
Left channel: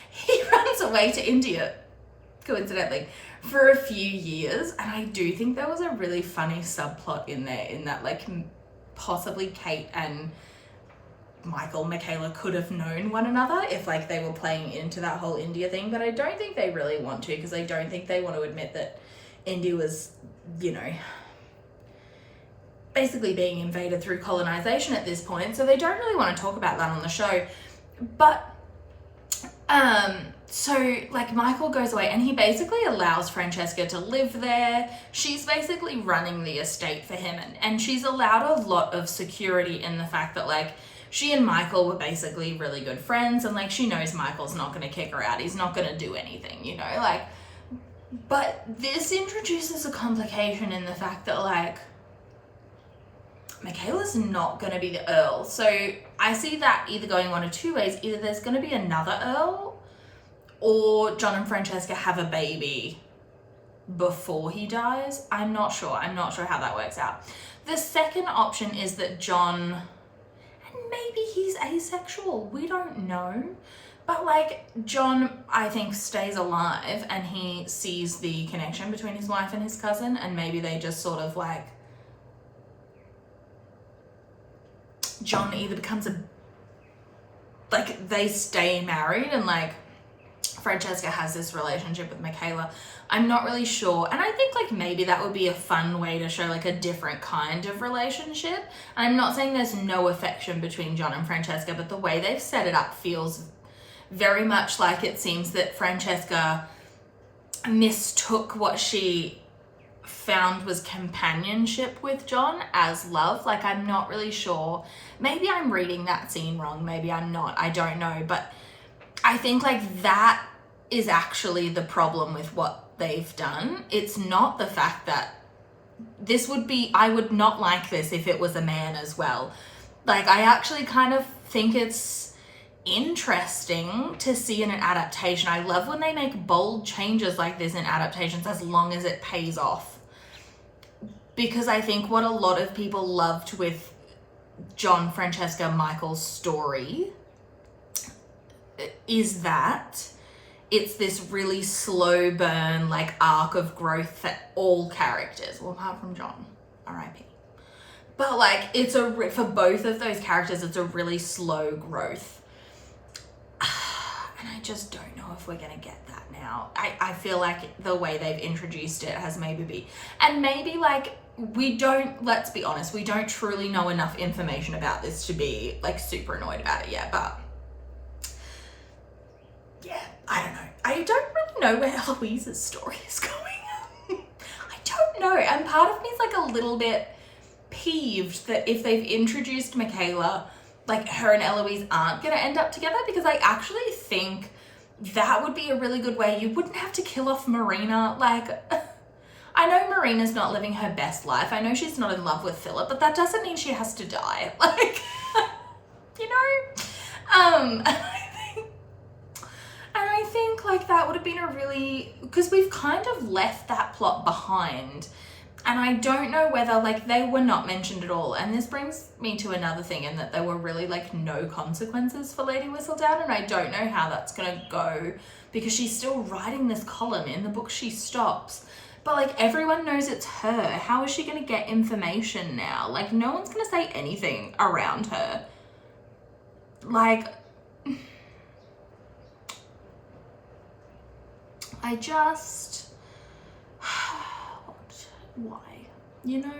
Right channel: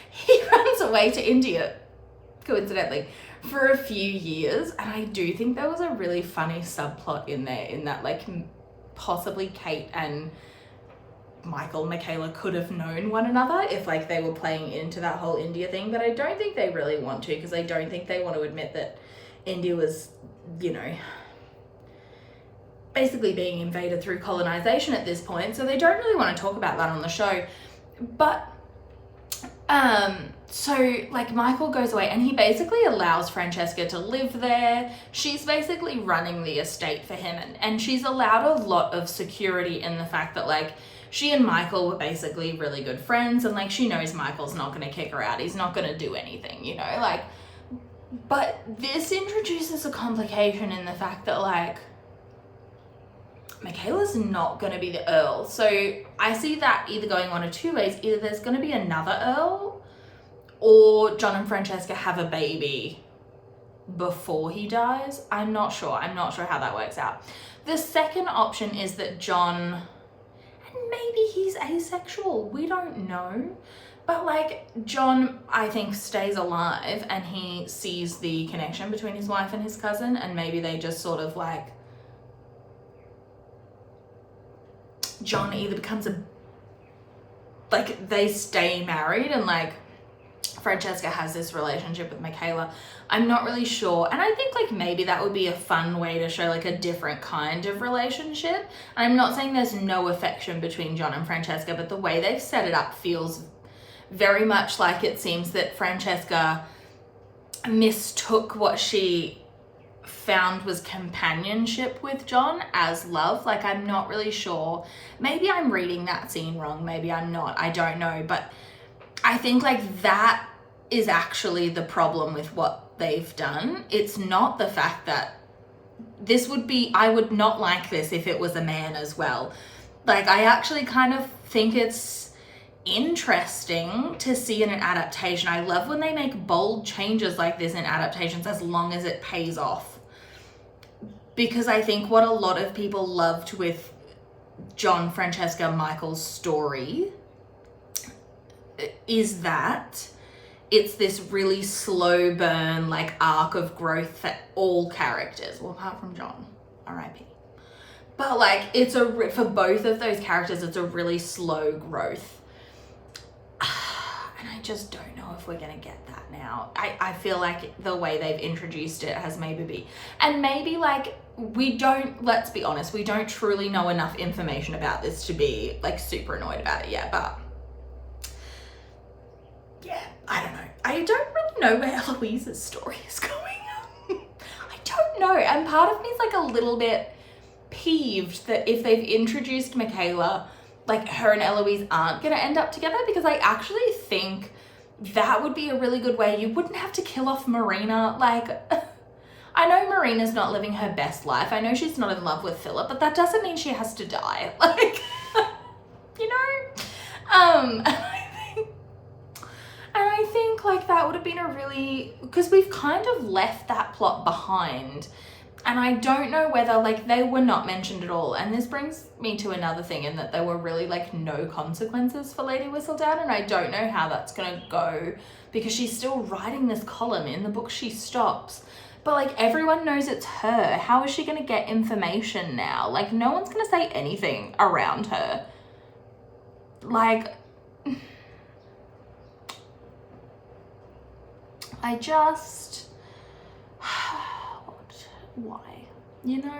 He runs away to India, coincidentally, for a few years, and I do think there was a really funny subplot in there, in that, like, possibly Kate and Michaela could have known one another if like they were playing into that whole India thing, but I don't think they really want to, because I don't think they want to admit that India was, you know, basically being invaded through colonization at this point, so they don't really want to talk about that on the show. But so like Michael goes away and he basically allows Francesca to live there. She's basically running the estate for him, and she's allowed a lot of security in the fact that like she and Michael were basically really good friends, and like she knows Michael's not going to kick her out, he's not going to do anything, you know, like. But this introduces a complication in the fact that like Michaela's not going to be the Earl. So I see that either going one of two ways. Either there's going to be another Earl, or John and Francesca have a baby before he dies. I'm not sure how that works out. The second option is that John, and maybe he's asexual, we don't know. But like John, I think, stays alive and he sees the connection between his wife and his cousin, and maybe they just sort of like, John either becomes they stay married and like Francesca has this relationship with Michaela. I'm not really sure. And I think like maybe that would be a fun way to show like a different kind of relationship. And I'm not saying there's no affection between John and Francesca, but the way they've set it up feels very much like it seems that Francesca mistook what she found was companionship with John as love. Like, I'm not really sure. Maybe I'm reading that scene wrong. Maybe I'm not. I don't know. But I think like that is actually the problem with what they've done. It's not the fact that this would be, I would not like this if it was a man as well. Like, I actually kind of think it's interesting to see in an adaptation. I love when they make bold changes like this in adaptations, as long as it pays off. Because I think what a lot of people loved with John, Francesca, Michael's story is that it's this really slow burn, like, arc of growth for all characters. Well, apart from John, R.I.P. But like, it's for both of those characters, it's a really slow growth. And I just don't know if we're gonna get that now. I feel like the way they've introduced it has maybe like, let's be honest, we don't truly know enough information about this to be like super annoyed about it yet, but yeah, I don't know. I don't really know where Eloise's story is going. I don't know. And part of me is like a little bit peeved that if they've introduced Michaela, like, her and Eloise aren't gonna end up together, because I actually think that would be a really good way. You wouldn't have to kill off Marina. Like, I know Marina's not living her best life. I know she's not in love with Philip, but that doesn't mean she has to die. Like, you know? And I think like that would have been a really, because we've kind of left that plot behind. And I don't know whether, like, they were not mentioned at all. And this brings me to another thing, in that there were really, like, no consequences for Lady Whistledown. And I don't know how that's going to go, because she's still writing this column. In the book, she stops. But, like, everyone knows it's her. How is she going to get information now? Like, no one's going to say anything around her. Like, I just... why? You know?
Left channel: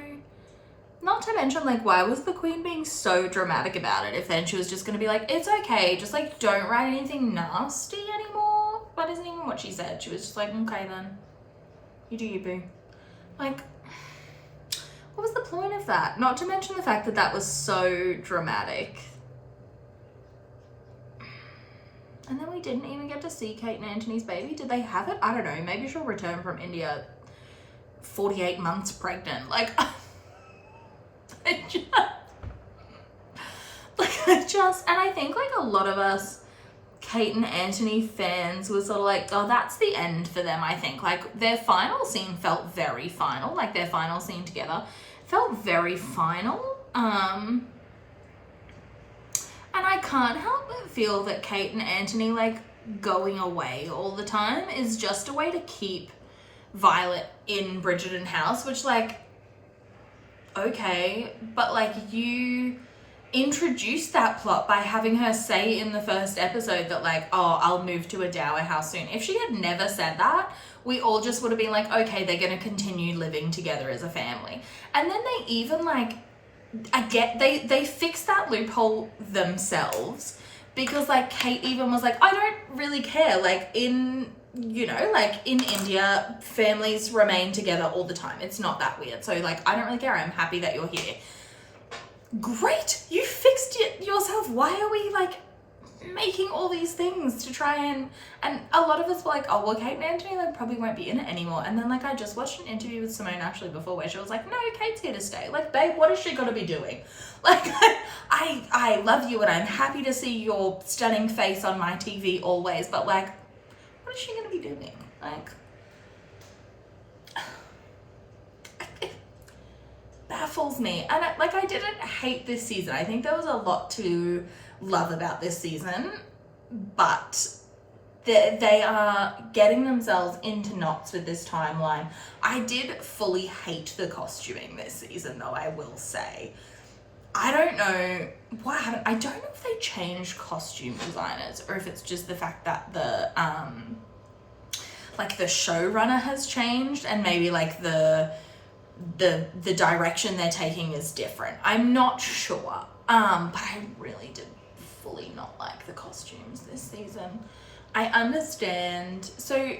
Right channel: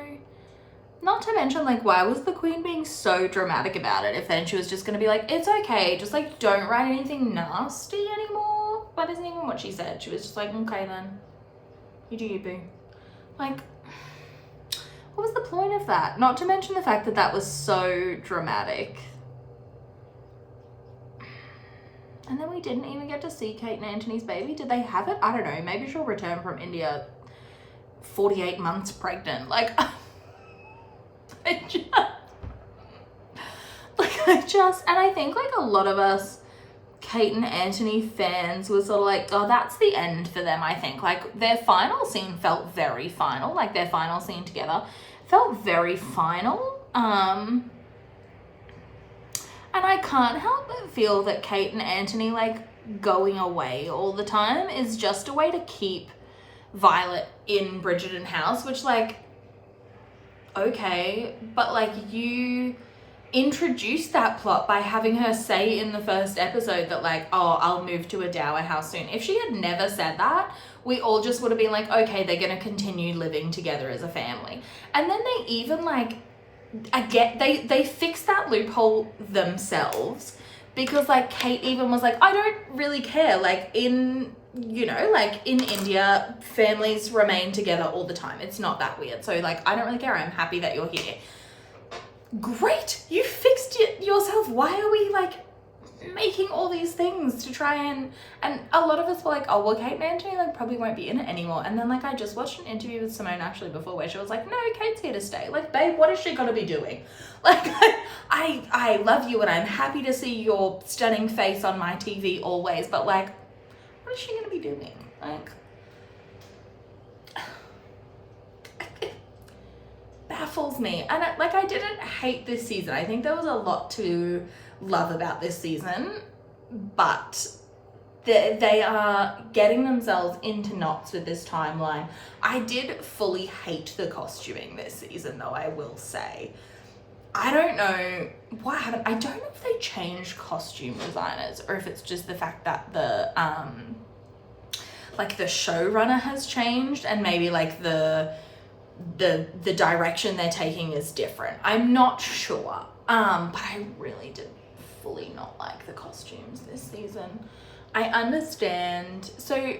Not to mention, like, why was the Queen being so dramatic about it if then she was just gonna be like, it's okay, just like don't write anything nasty anymore? That isn't even what she said. She was just like, okay then, you do you, boo. Like, what was the point of that? Not to mention the fact that that was so dramatic. And then we didn't even get to see Kate and Anthony's baby. Did they have it? I don't know. Maybe she'll return from India 48 months pregnant. Like, and I think like a lot of us Kate and Anthony fans were sort of like, oh, that's the end for them. I think like their final scene felt very final. Like their final scene together felt very final. And I can't help but feel that Kate and Anthony like going away all the time is just a way to keep Violet in Bridgerton house, which like, okay, but like you introduced that plot by having her say in the first episode that like, oh, I'll move to a dower house soon. If she had never said that, we all just would have been like, okay, they're going to continue living together as a family. And then they even like, they fixed that loophole themselves, because like Kate even was like, I don't really care. Like in India, families remain together all the time. It's not that weird. So like, I don't really care. I'm happy that you're here. Great, you fixed it yourself. Why are we like making all these things to try and a lot of us were like, oh well, Kate and Anthony like probably won't be in it anymore. And then like I just watched an interview with Simone Ashley before where she was like, no, Kate's here to stay. Like, babe, what is she gonna be doing? Like, I love you and I'm happy to see your stunning face on my TV always, but like, what is she gonna be doing? Like, baffles me. And I didn't hate this season. I think there was a lot to love about this season, but they are getting themselves into knots with this timeline. I did fully hate the costuming this season though, I will say. I don't know what happened. I don't know if they changed costume designers or if it's just the fact that the showrunner has changed and maybe like the direction they're taking is different. I'm not sure. But I really did fully not like the costumes this season. I understand. So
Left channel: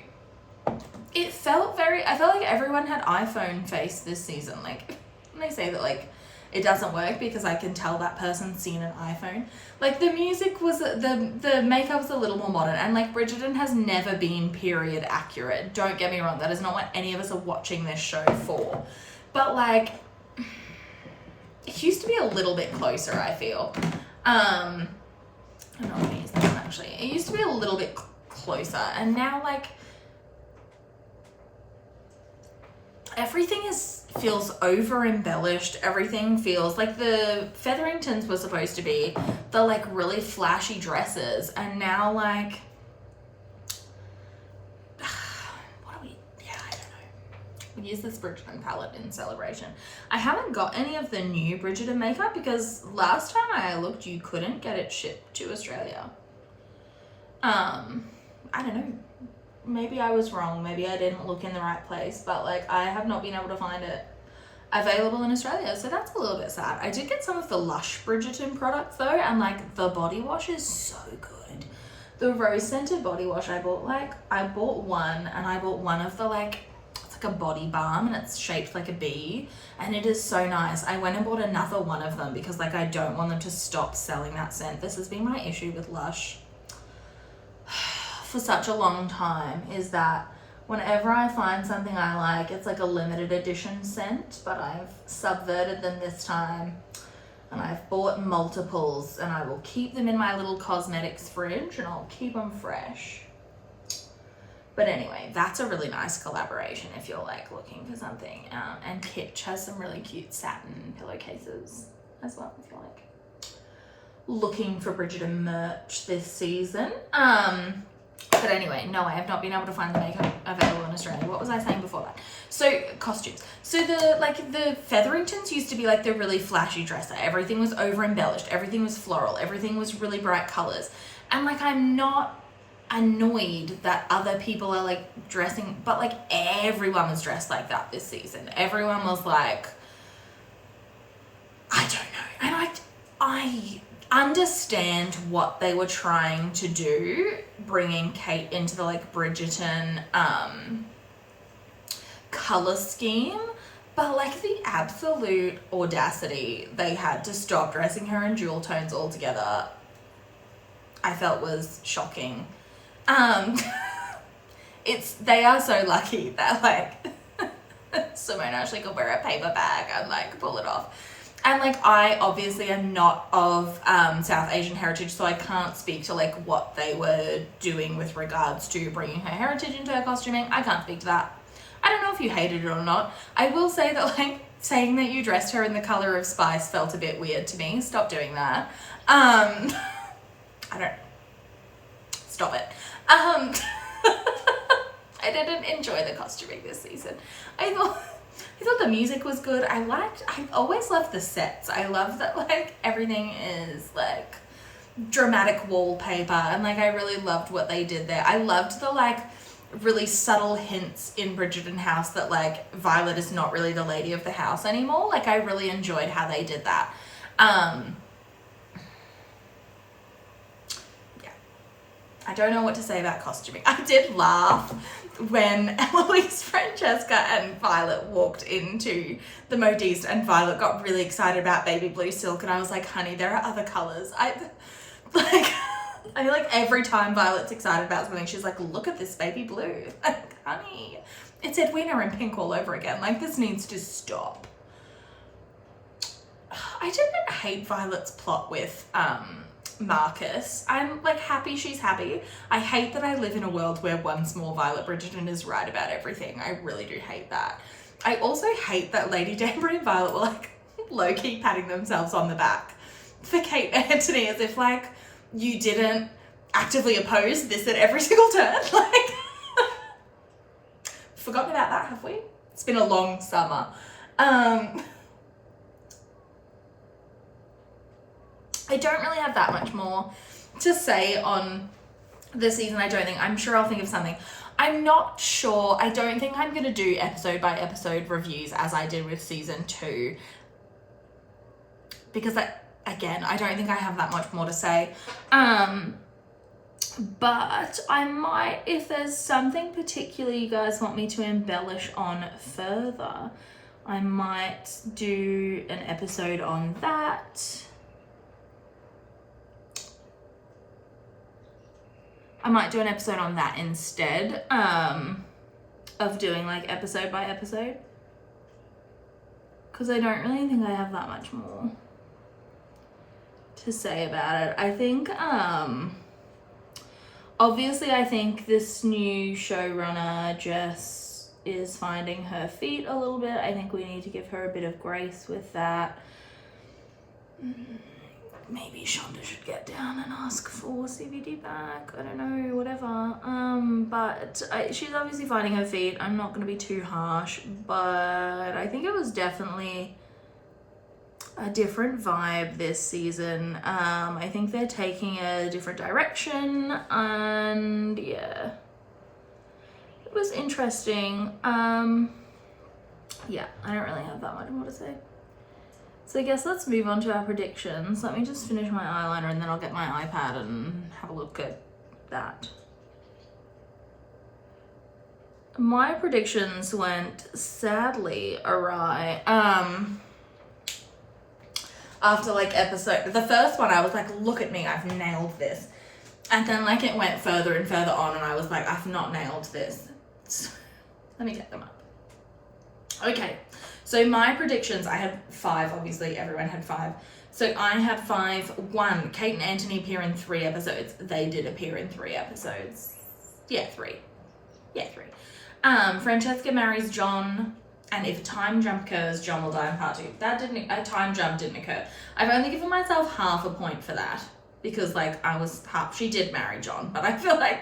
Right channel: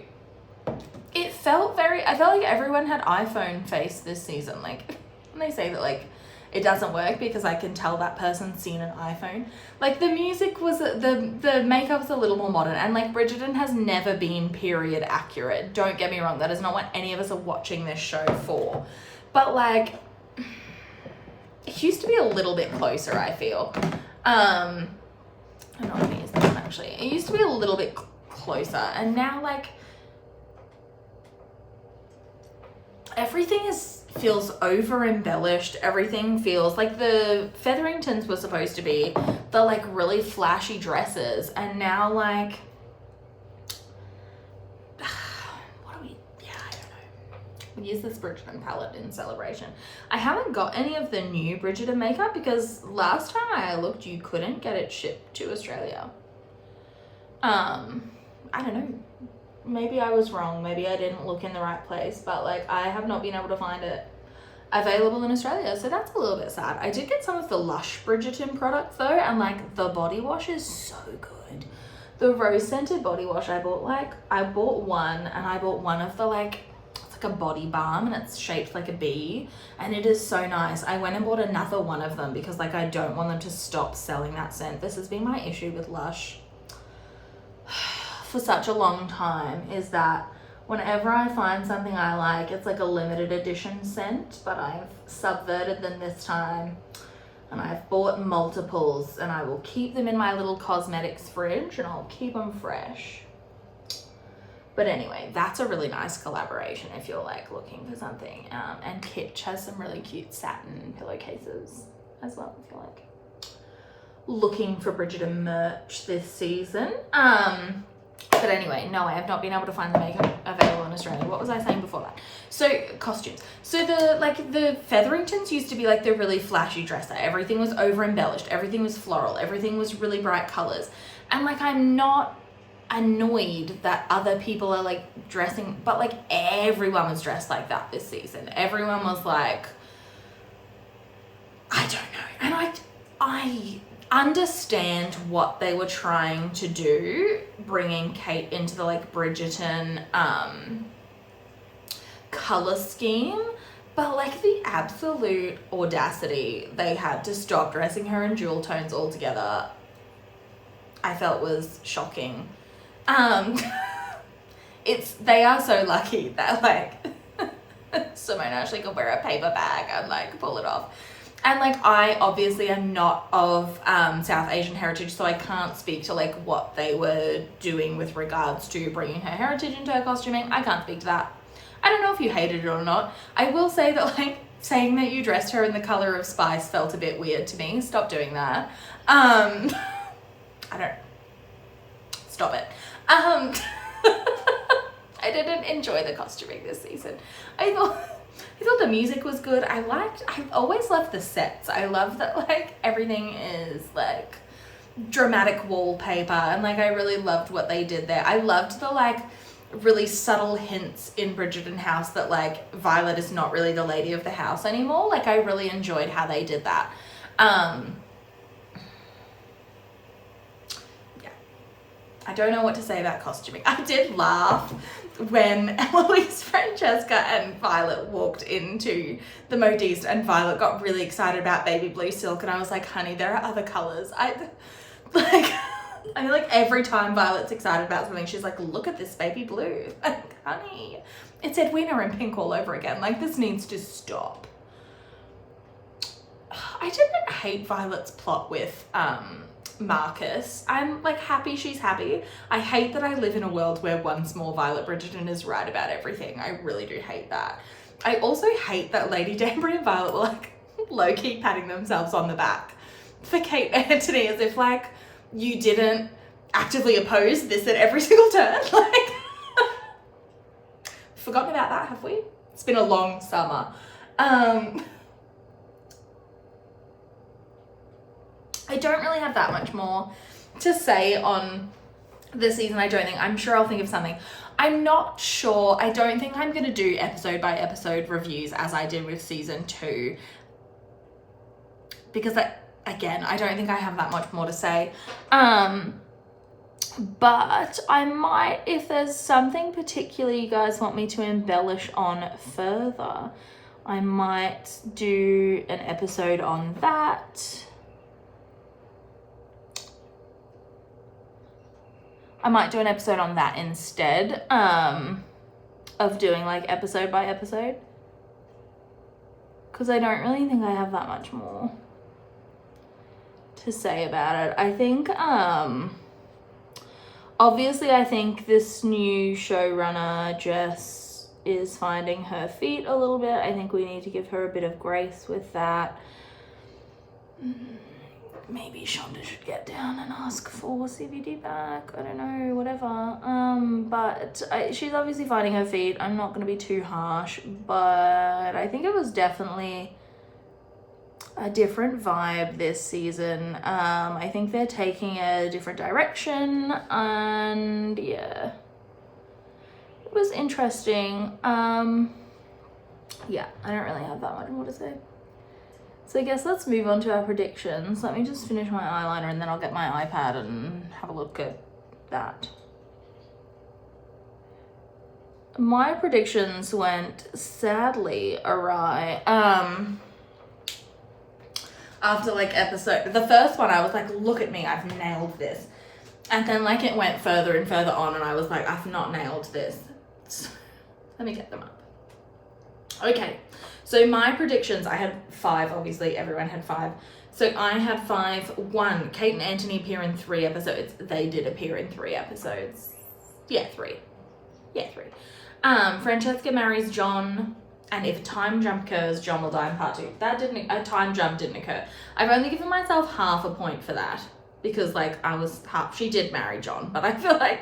I felt like everyone had iPhone face this season. Like when they say that like it doesn't work because I can tell that person's seen an iPhone. Like the music was, the makeup's a little more modern, and like Bridgerton has never been period accurate. Don't get me wrong, that is not what any of us are watching this show for. But like, it used to be a little bit closer, I feel. I'm not gonna use that one actually. It used to be a little bit closer, and now like, everything feels over embellished. Everything feels like the Featheringtons were supposed to be the like really flashy dresses, and now like, I don't know. We use this Bridgerton palette in celebration. I haven't got any of the new Bridgerton makeup because last time I looked, you couldn't get it shipped to Australia. I don't know. Maybe I was wrong. Maybe I didn't look in the right place, but like I have not been able to find it available in Australia. So that's a little bit sad. I did get some of the Lush Bridgerton products though, and like the body wash is so good. The rose scented body wash I bought one, and I bought one of the like, it's like a body balm and it's shaped like a bee, and it is so nice. I went and bought another one of them because like I don't want them to stop selling that scent. This has been my issue with Lush for such a long time, is that whenever I find something I like, it's like a limited edition scent, but I've subverted them this time and I've bought multiples, and I will keep them in my little cosmetics fridge and I'll keep them fresh. But anyway, that's a really nice collaboration if you're like looking for something. And Kitsch has some really cute satin pillowcases as well if you're like looking for Bridgerton merch this season. But anyway, no, I have not been able to find the makeup available in Australia. What was I saying before that? So costumes. So the Featheringtons used to be like the really flashy dresser. Everything was over embellished. Everything was floral. Everything was really bright colors. And like, I'm not annoyed that other people are like dressing, but like everyone was dressed like that this season. Everyone was like, I don't know. And I understand what they were trying to do, bringing Kate into the like Bridgerton color scheme, but like the absolute audacity they had to stop dressing her in jewel tones altogether, I felt was shocking. They are so lucky that like Simone Ashley could wear a paper bag and like pull it off. And like, I obviously am not of South Asian heritage, so I can't speak to like what they were doing with regards to bringing her heritage into her costuming. I can't speak to that. I don't know if you hated it or not. I will say that like saying that you dressed her in the color of spice felt a bit weird to me. Stop doing that. Stop it. I didn't enjoy the costuming this season. I thought I thought the music was good. I always loved the sets. I love that like everything is like dramatic wallpaper, and like I really loved what they did there. I loved the like really subtle hints in Bridgerton house that like Violet is not really the lady of the house anymore. Like I really enjoyed how they did that. I don't know what to say about costuming. I did laugh when Eloise, Francesca and Violet walked into the modiste and Violet got really excited about baby blue silk, and I was like, honey, there are other colors. I feel like every time Violet's excited about something, she's like, look at this baby blue. Like, honey, it's Edwina in pink all over again. Like, this needs to stop. I didn't hate Violet's plot with Marcus. I'm like happy she's happy. I hate that I live in a world where once more Violet Bridgerton is right about everything. I really do hate that. I also hate that Lady Danbury and Violet were like low-key patting themselves on the back for Kate and Anthony, as if like you didn't actively oppose this at every single turn. Like, forgotten about that, have we? It's been a long summer. I don't really have that much more to say on this season. I'm sure I'll think of something. I'm not sure. I don't think I'm going to do episode by episode reviews as I did with season 2. Because I don't think I have that much more to say. But I might, if there's something particularly you guys want me to embellish on further, I might do an episode on that. I might do an episode on that instead of doing like episode by episode, because I don't really think I have that much more to say about it. I think obviously I think this new showrunner Jess is finding her feet a little bit. I think we need to give her a bit of grace with that. Maybe Shonda should get down and ask for CBD back. I don't know, whatever. But she's obviously finding her feet. I'm not going to be too harsh, but I think it was definitely a different vibe this season. I think they're taking a different direction, and yeah, it was interesting. Yeah, I don't really have that much more to say. So I guess let's move on to our predictions. Let me just finish my eyeliner and then I'll get my iPad and have a look at that. My predictions went sadly awry. After like the first one I was like, look at me, I've nailed this. And then like it went further and further on and I was like, I've not nailed this. Let me get them up. Okay. So my predictions, I had 5, obviously everyone had 5. So I had 5. 1, Kate and Anthony appear in 3 episodes. They did appear in 3 episodes. Yeah, 3. Yeah, 3. Francesca marries John, and if a time jump occurs, John will die in part 2. A time jump didn't occur. I've only given myself half a point for that, because like she did marry John, but I feel like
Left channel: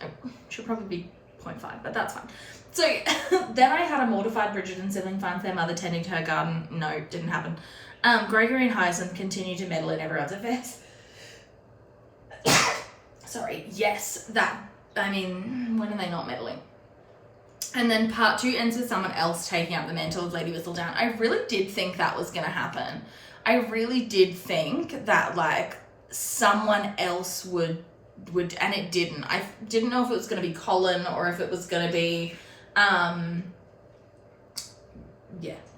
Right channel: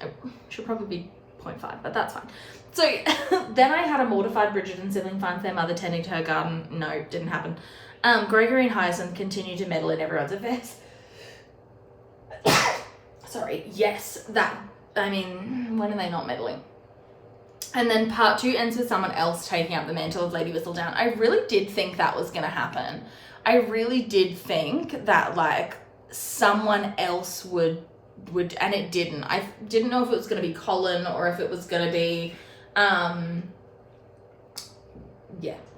it should probably be 0.5, but that's fine. So then I had a mortified Bridgerton sibling finds their mother tending to her garden. No, didn't happen. Gregory and Hyacinth continue to meddle in everyone's affairs. Sorry, yes, when are they not meddling? And then part 2 ends with someone else taking up the mantle of Lady Whistledown. I really did think that was going to happen. I really did think that like someone else would, and it didn't. I didn't know if it was going to be Colin or if it was going to be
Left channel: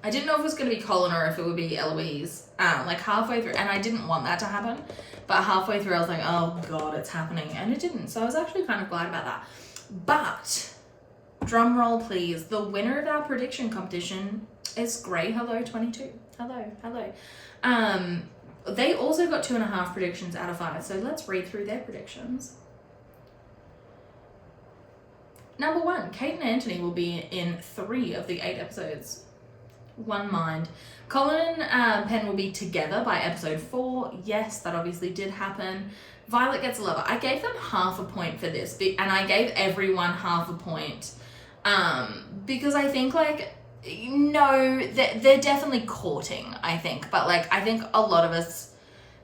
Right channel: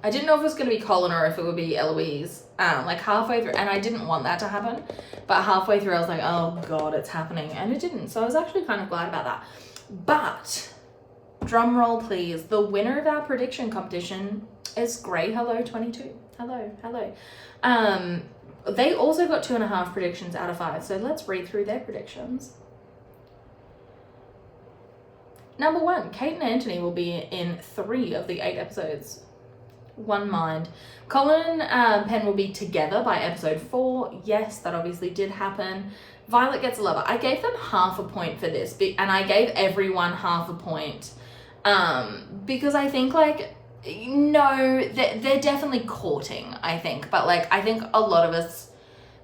I didn't know if it was going to be Colin or if it would be Eloise. Like halfway through, and I didn't want that to happen, but halfway through I was like, oh god, it's happening, and it didn't. So I was actually kind of glad about that. But drum roll please, the winner of our prediction competition is Grey Hello 22. Hello. They also got 2.5 predictions out of 5, so let's read through their predictions. Number 1, Kate and Anthony will be in 3 of the 8 episodes. One mind. Colin and Penn will be together by episode 4. Yes, that obviously did happen. Violet gets a lover. I gave them half a point for this, and I gave everyone half a point because I think like no, they're definitely courting, I think. But like, I think a lot of us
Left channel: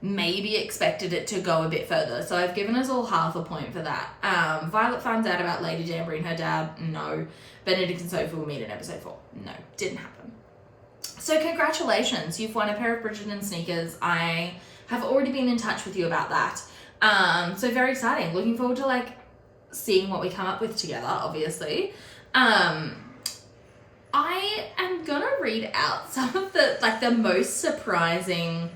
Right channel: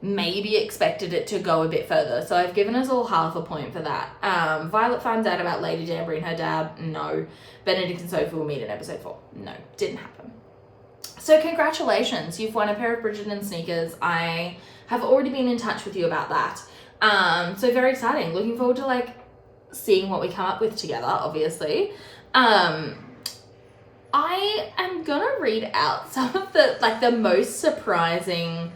maybe expected it to go a bit further. So I've given us all half a point for that. Violet finds out about Lady Danbury and her dad. No. Benedict and Sophie will meet in episode 4. No, didn't happen. So congratulations, you've won a pair of Bridgerton sneakers. I have already been in touch with you about that. So very exciting. Looking forward to like seeing what we come up with together, obviously. I am gonna read out some of the most surprising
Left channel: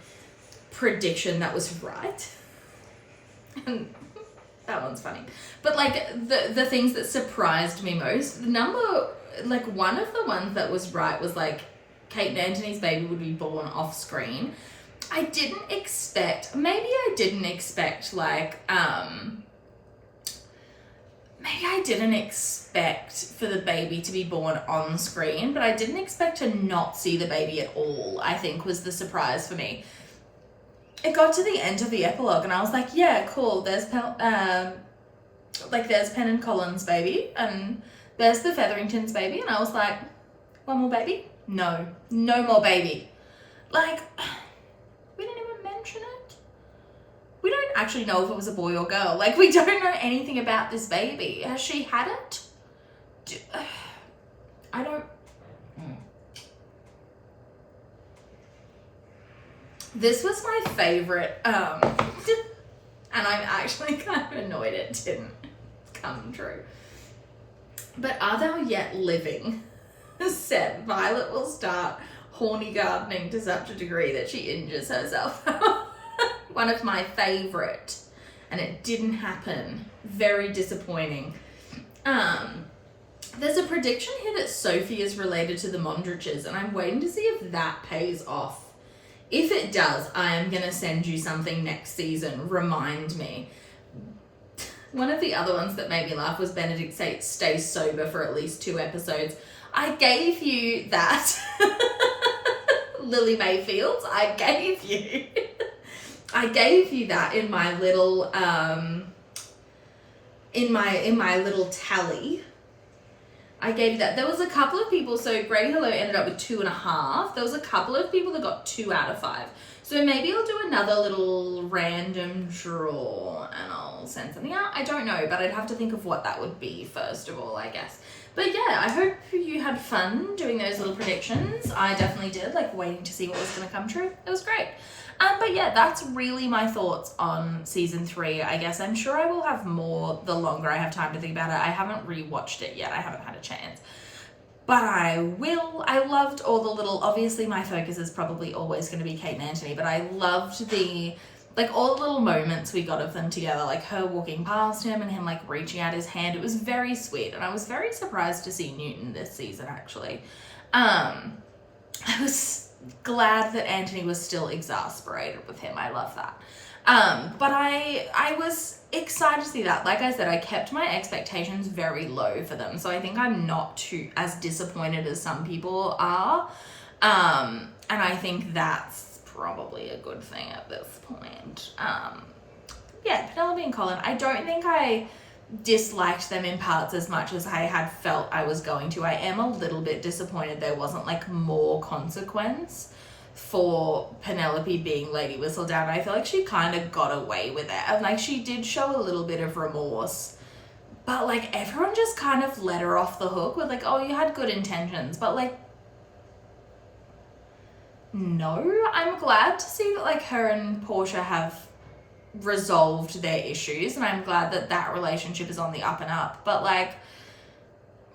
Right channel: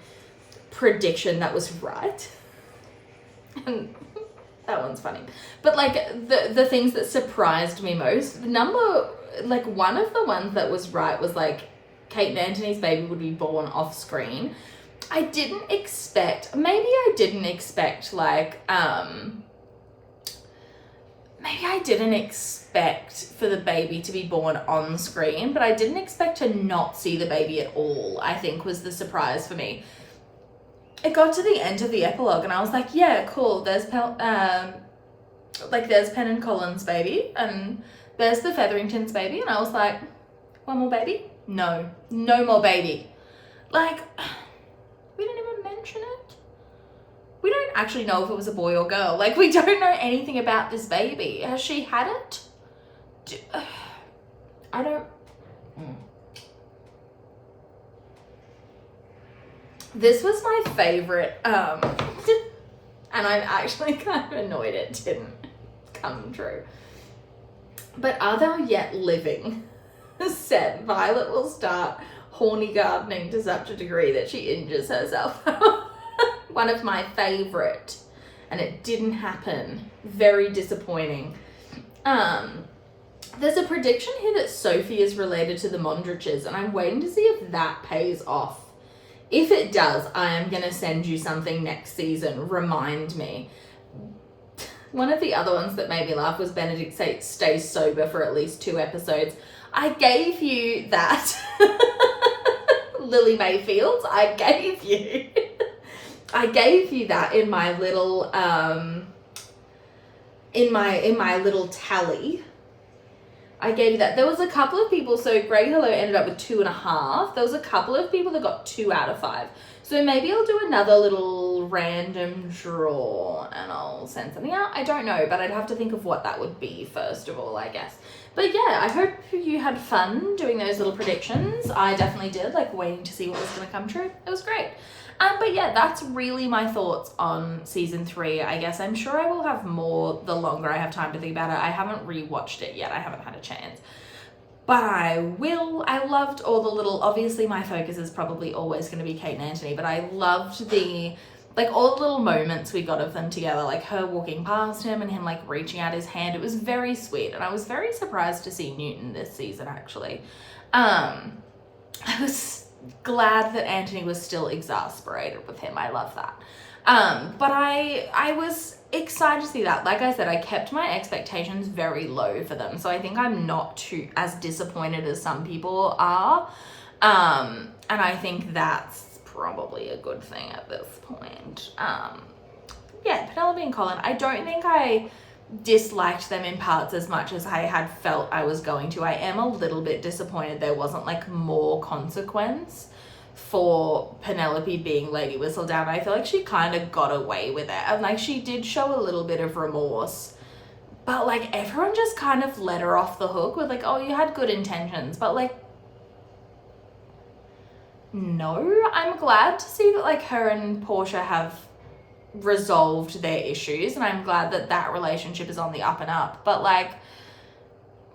prediction that was right. And that one's funny. But like the things that surprised me most, one of the ones that was right was like Kate and Anthony's baby would be born off screen. I didn't expect for the baby to be born on screen, but I didn't expect to not see the baby at all, I think was the surprise for me. It got to the end of the epilogue and I was like, yeah, cool, there's Penn and Colin's baby and there's the Featheringtons baby, and I was like, one more baby? No more baby. Like, we didn't even mention it. We don't actually know if it was a boy or girl. Like, we don't know anything about this baby. Has she had it? I don't... This was my favorite, and I'm actually kind of annoyed it didn't come true. But are thou yet living? Said Violet will start horny gardening to such a degree that she injures herself. One of my favorite, and it didn't happen. Very disappointing. There's a prediction here that Sophie is related to the Mondriches, and I'm waiting to see if that pays off. If it does, I am going to send you something next season. Remind me. One of the other ones that made me laugh was Benedict stays sober for at least 2 episodes. I gave you that. Lily Mayfield, I gave you that in my little in my little tally. I gave you that. There was a couple of people, so Greg Hello ended up with 2.5. There was a couple of people that got 2 out of 5. So maybe I'll do another little random draw and I'll send something out. I don't know, but I'd have to think of what that would be first of all, I guess. But yeah, I hope you had fun doing those little predictions. I definitely did, like waiting to see what was going to come true. It was great. But yeah, that's really my thoughts on season 3. I guess I'm sure I will have more the longer I have time to think about it. I haven't rewatched it yet. I haven't had a chance. But I will. I loved all the little, obviously my focus is probably always going to be Kate and Anthony, but I loved all the little moments we got of them together, like her walking past him and him like reaching out his hand. It was very sweet, and I was very surprised to see Newton this season actually. I was glad that Anthony was still exasperated with him. I love that. But I was excited to see that. Like I said, I kept my expectations very low for them, so I think I'm not too as disappointed as some people are. And I think that's probably a good thing at this point. Yeah, Penelope and Colin, I don't think I disliked them in parts as much as I had felt I was going to. I am a little bit disappointed there wasn't like more consequence for Penelope being Lady Whistledown. I feel like she kind of got away with it, and like she did show a little bit of remorse, but like everyone just kind of let her off the hook with like, oh, you had good intentions, but like, no. I'm glad to see that like her and Portia have resolved their issues, and I'm glad that that relationship is on the up and up, but like,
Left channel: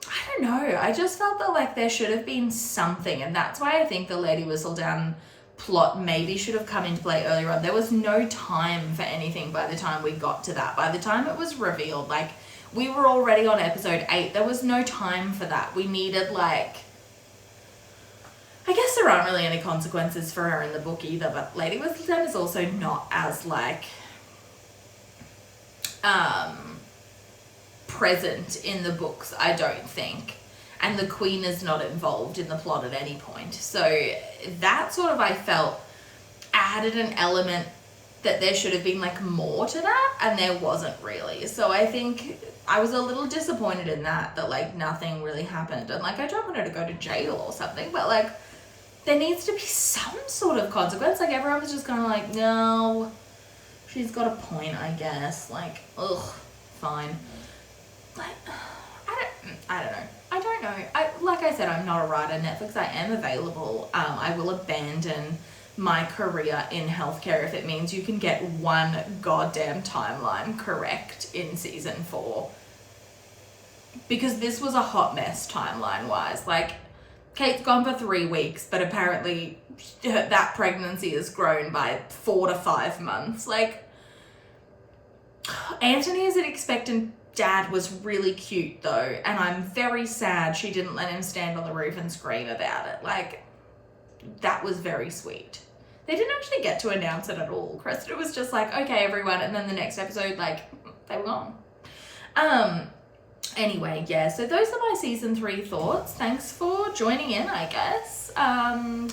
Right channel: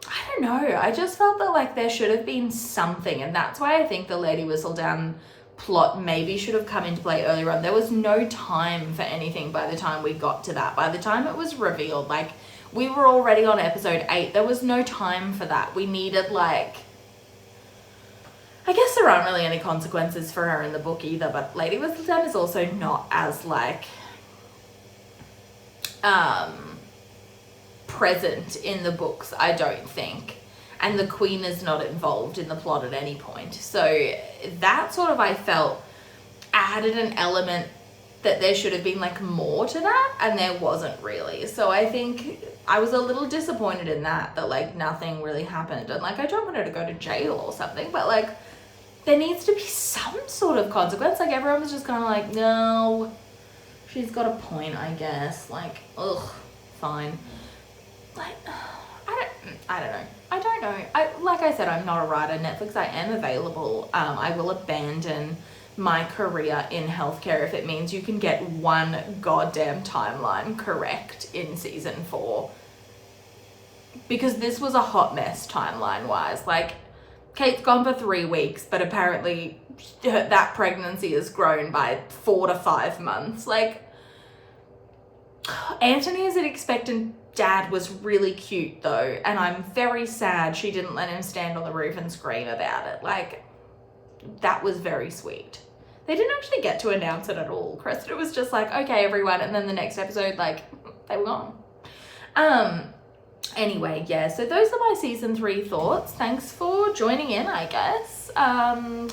I don't know, I just felt that like there should have been something, and that's why I think the Lady Whistledown plot maybe should have come into play earlier on. There was no time for anything by the time we got to that. By the time it was revealed, like we were already on episode 8, there was no time for that. We needed like, I guess there aren't really any consequences for her in the book either, but Lady Whistledown is also not as like present in the books, I don't think, and the Queen is not involved in the plot at any point, so that sort of, I felt, added an element that there should have been like more to that, and there wasn't really. So I think I was a little disappointed in that like nothing really happened, and like I don't want her to go to jail or something, but like there needs to be some sort of consequence. Like everyone was just kind of like, no, she's got a point, I guess. Like, ugh, fine. Like, I don't know. Like I said, I'm not a writer. Netflix, I am available. I will abandon my career in healthcare if it means you can get one goddamn timeline correct in season 4. Because this was a hot mess timeline-wise. Like, Kate's gone for 3 weeks, but apparently that pregnancy has grown by 4 to 5 months. Like, Anthony as an expectant dad was really cute though, and I'm very sad she didn't let him stand on the roof and scream about it. Like, that was very sweet. They didn't actually get to announce it at all. Cressida was just like, okay everyone, and then the next episode, like, they were gone. Anyway, yeah, so those are my season 3 thoughts. Thanks for joining in, I guess.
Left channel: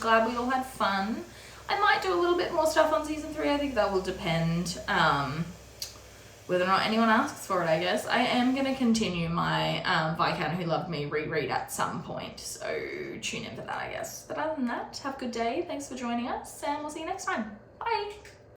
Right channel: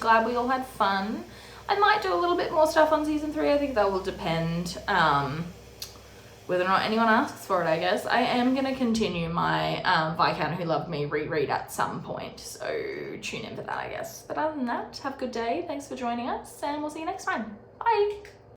Glad we all had fun. I might do a little bit more stuff on season 3. I think that will depend whether or not anyone asks for it, I guess. I am going to continue my Viscount Who Loved Me reread at some point, so tune in for that, I guess. But other than that, have a good day. Thanks for joining us, and we'll see you next time. Bye!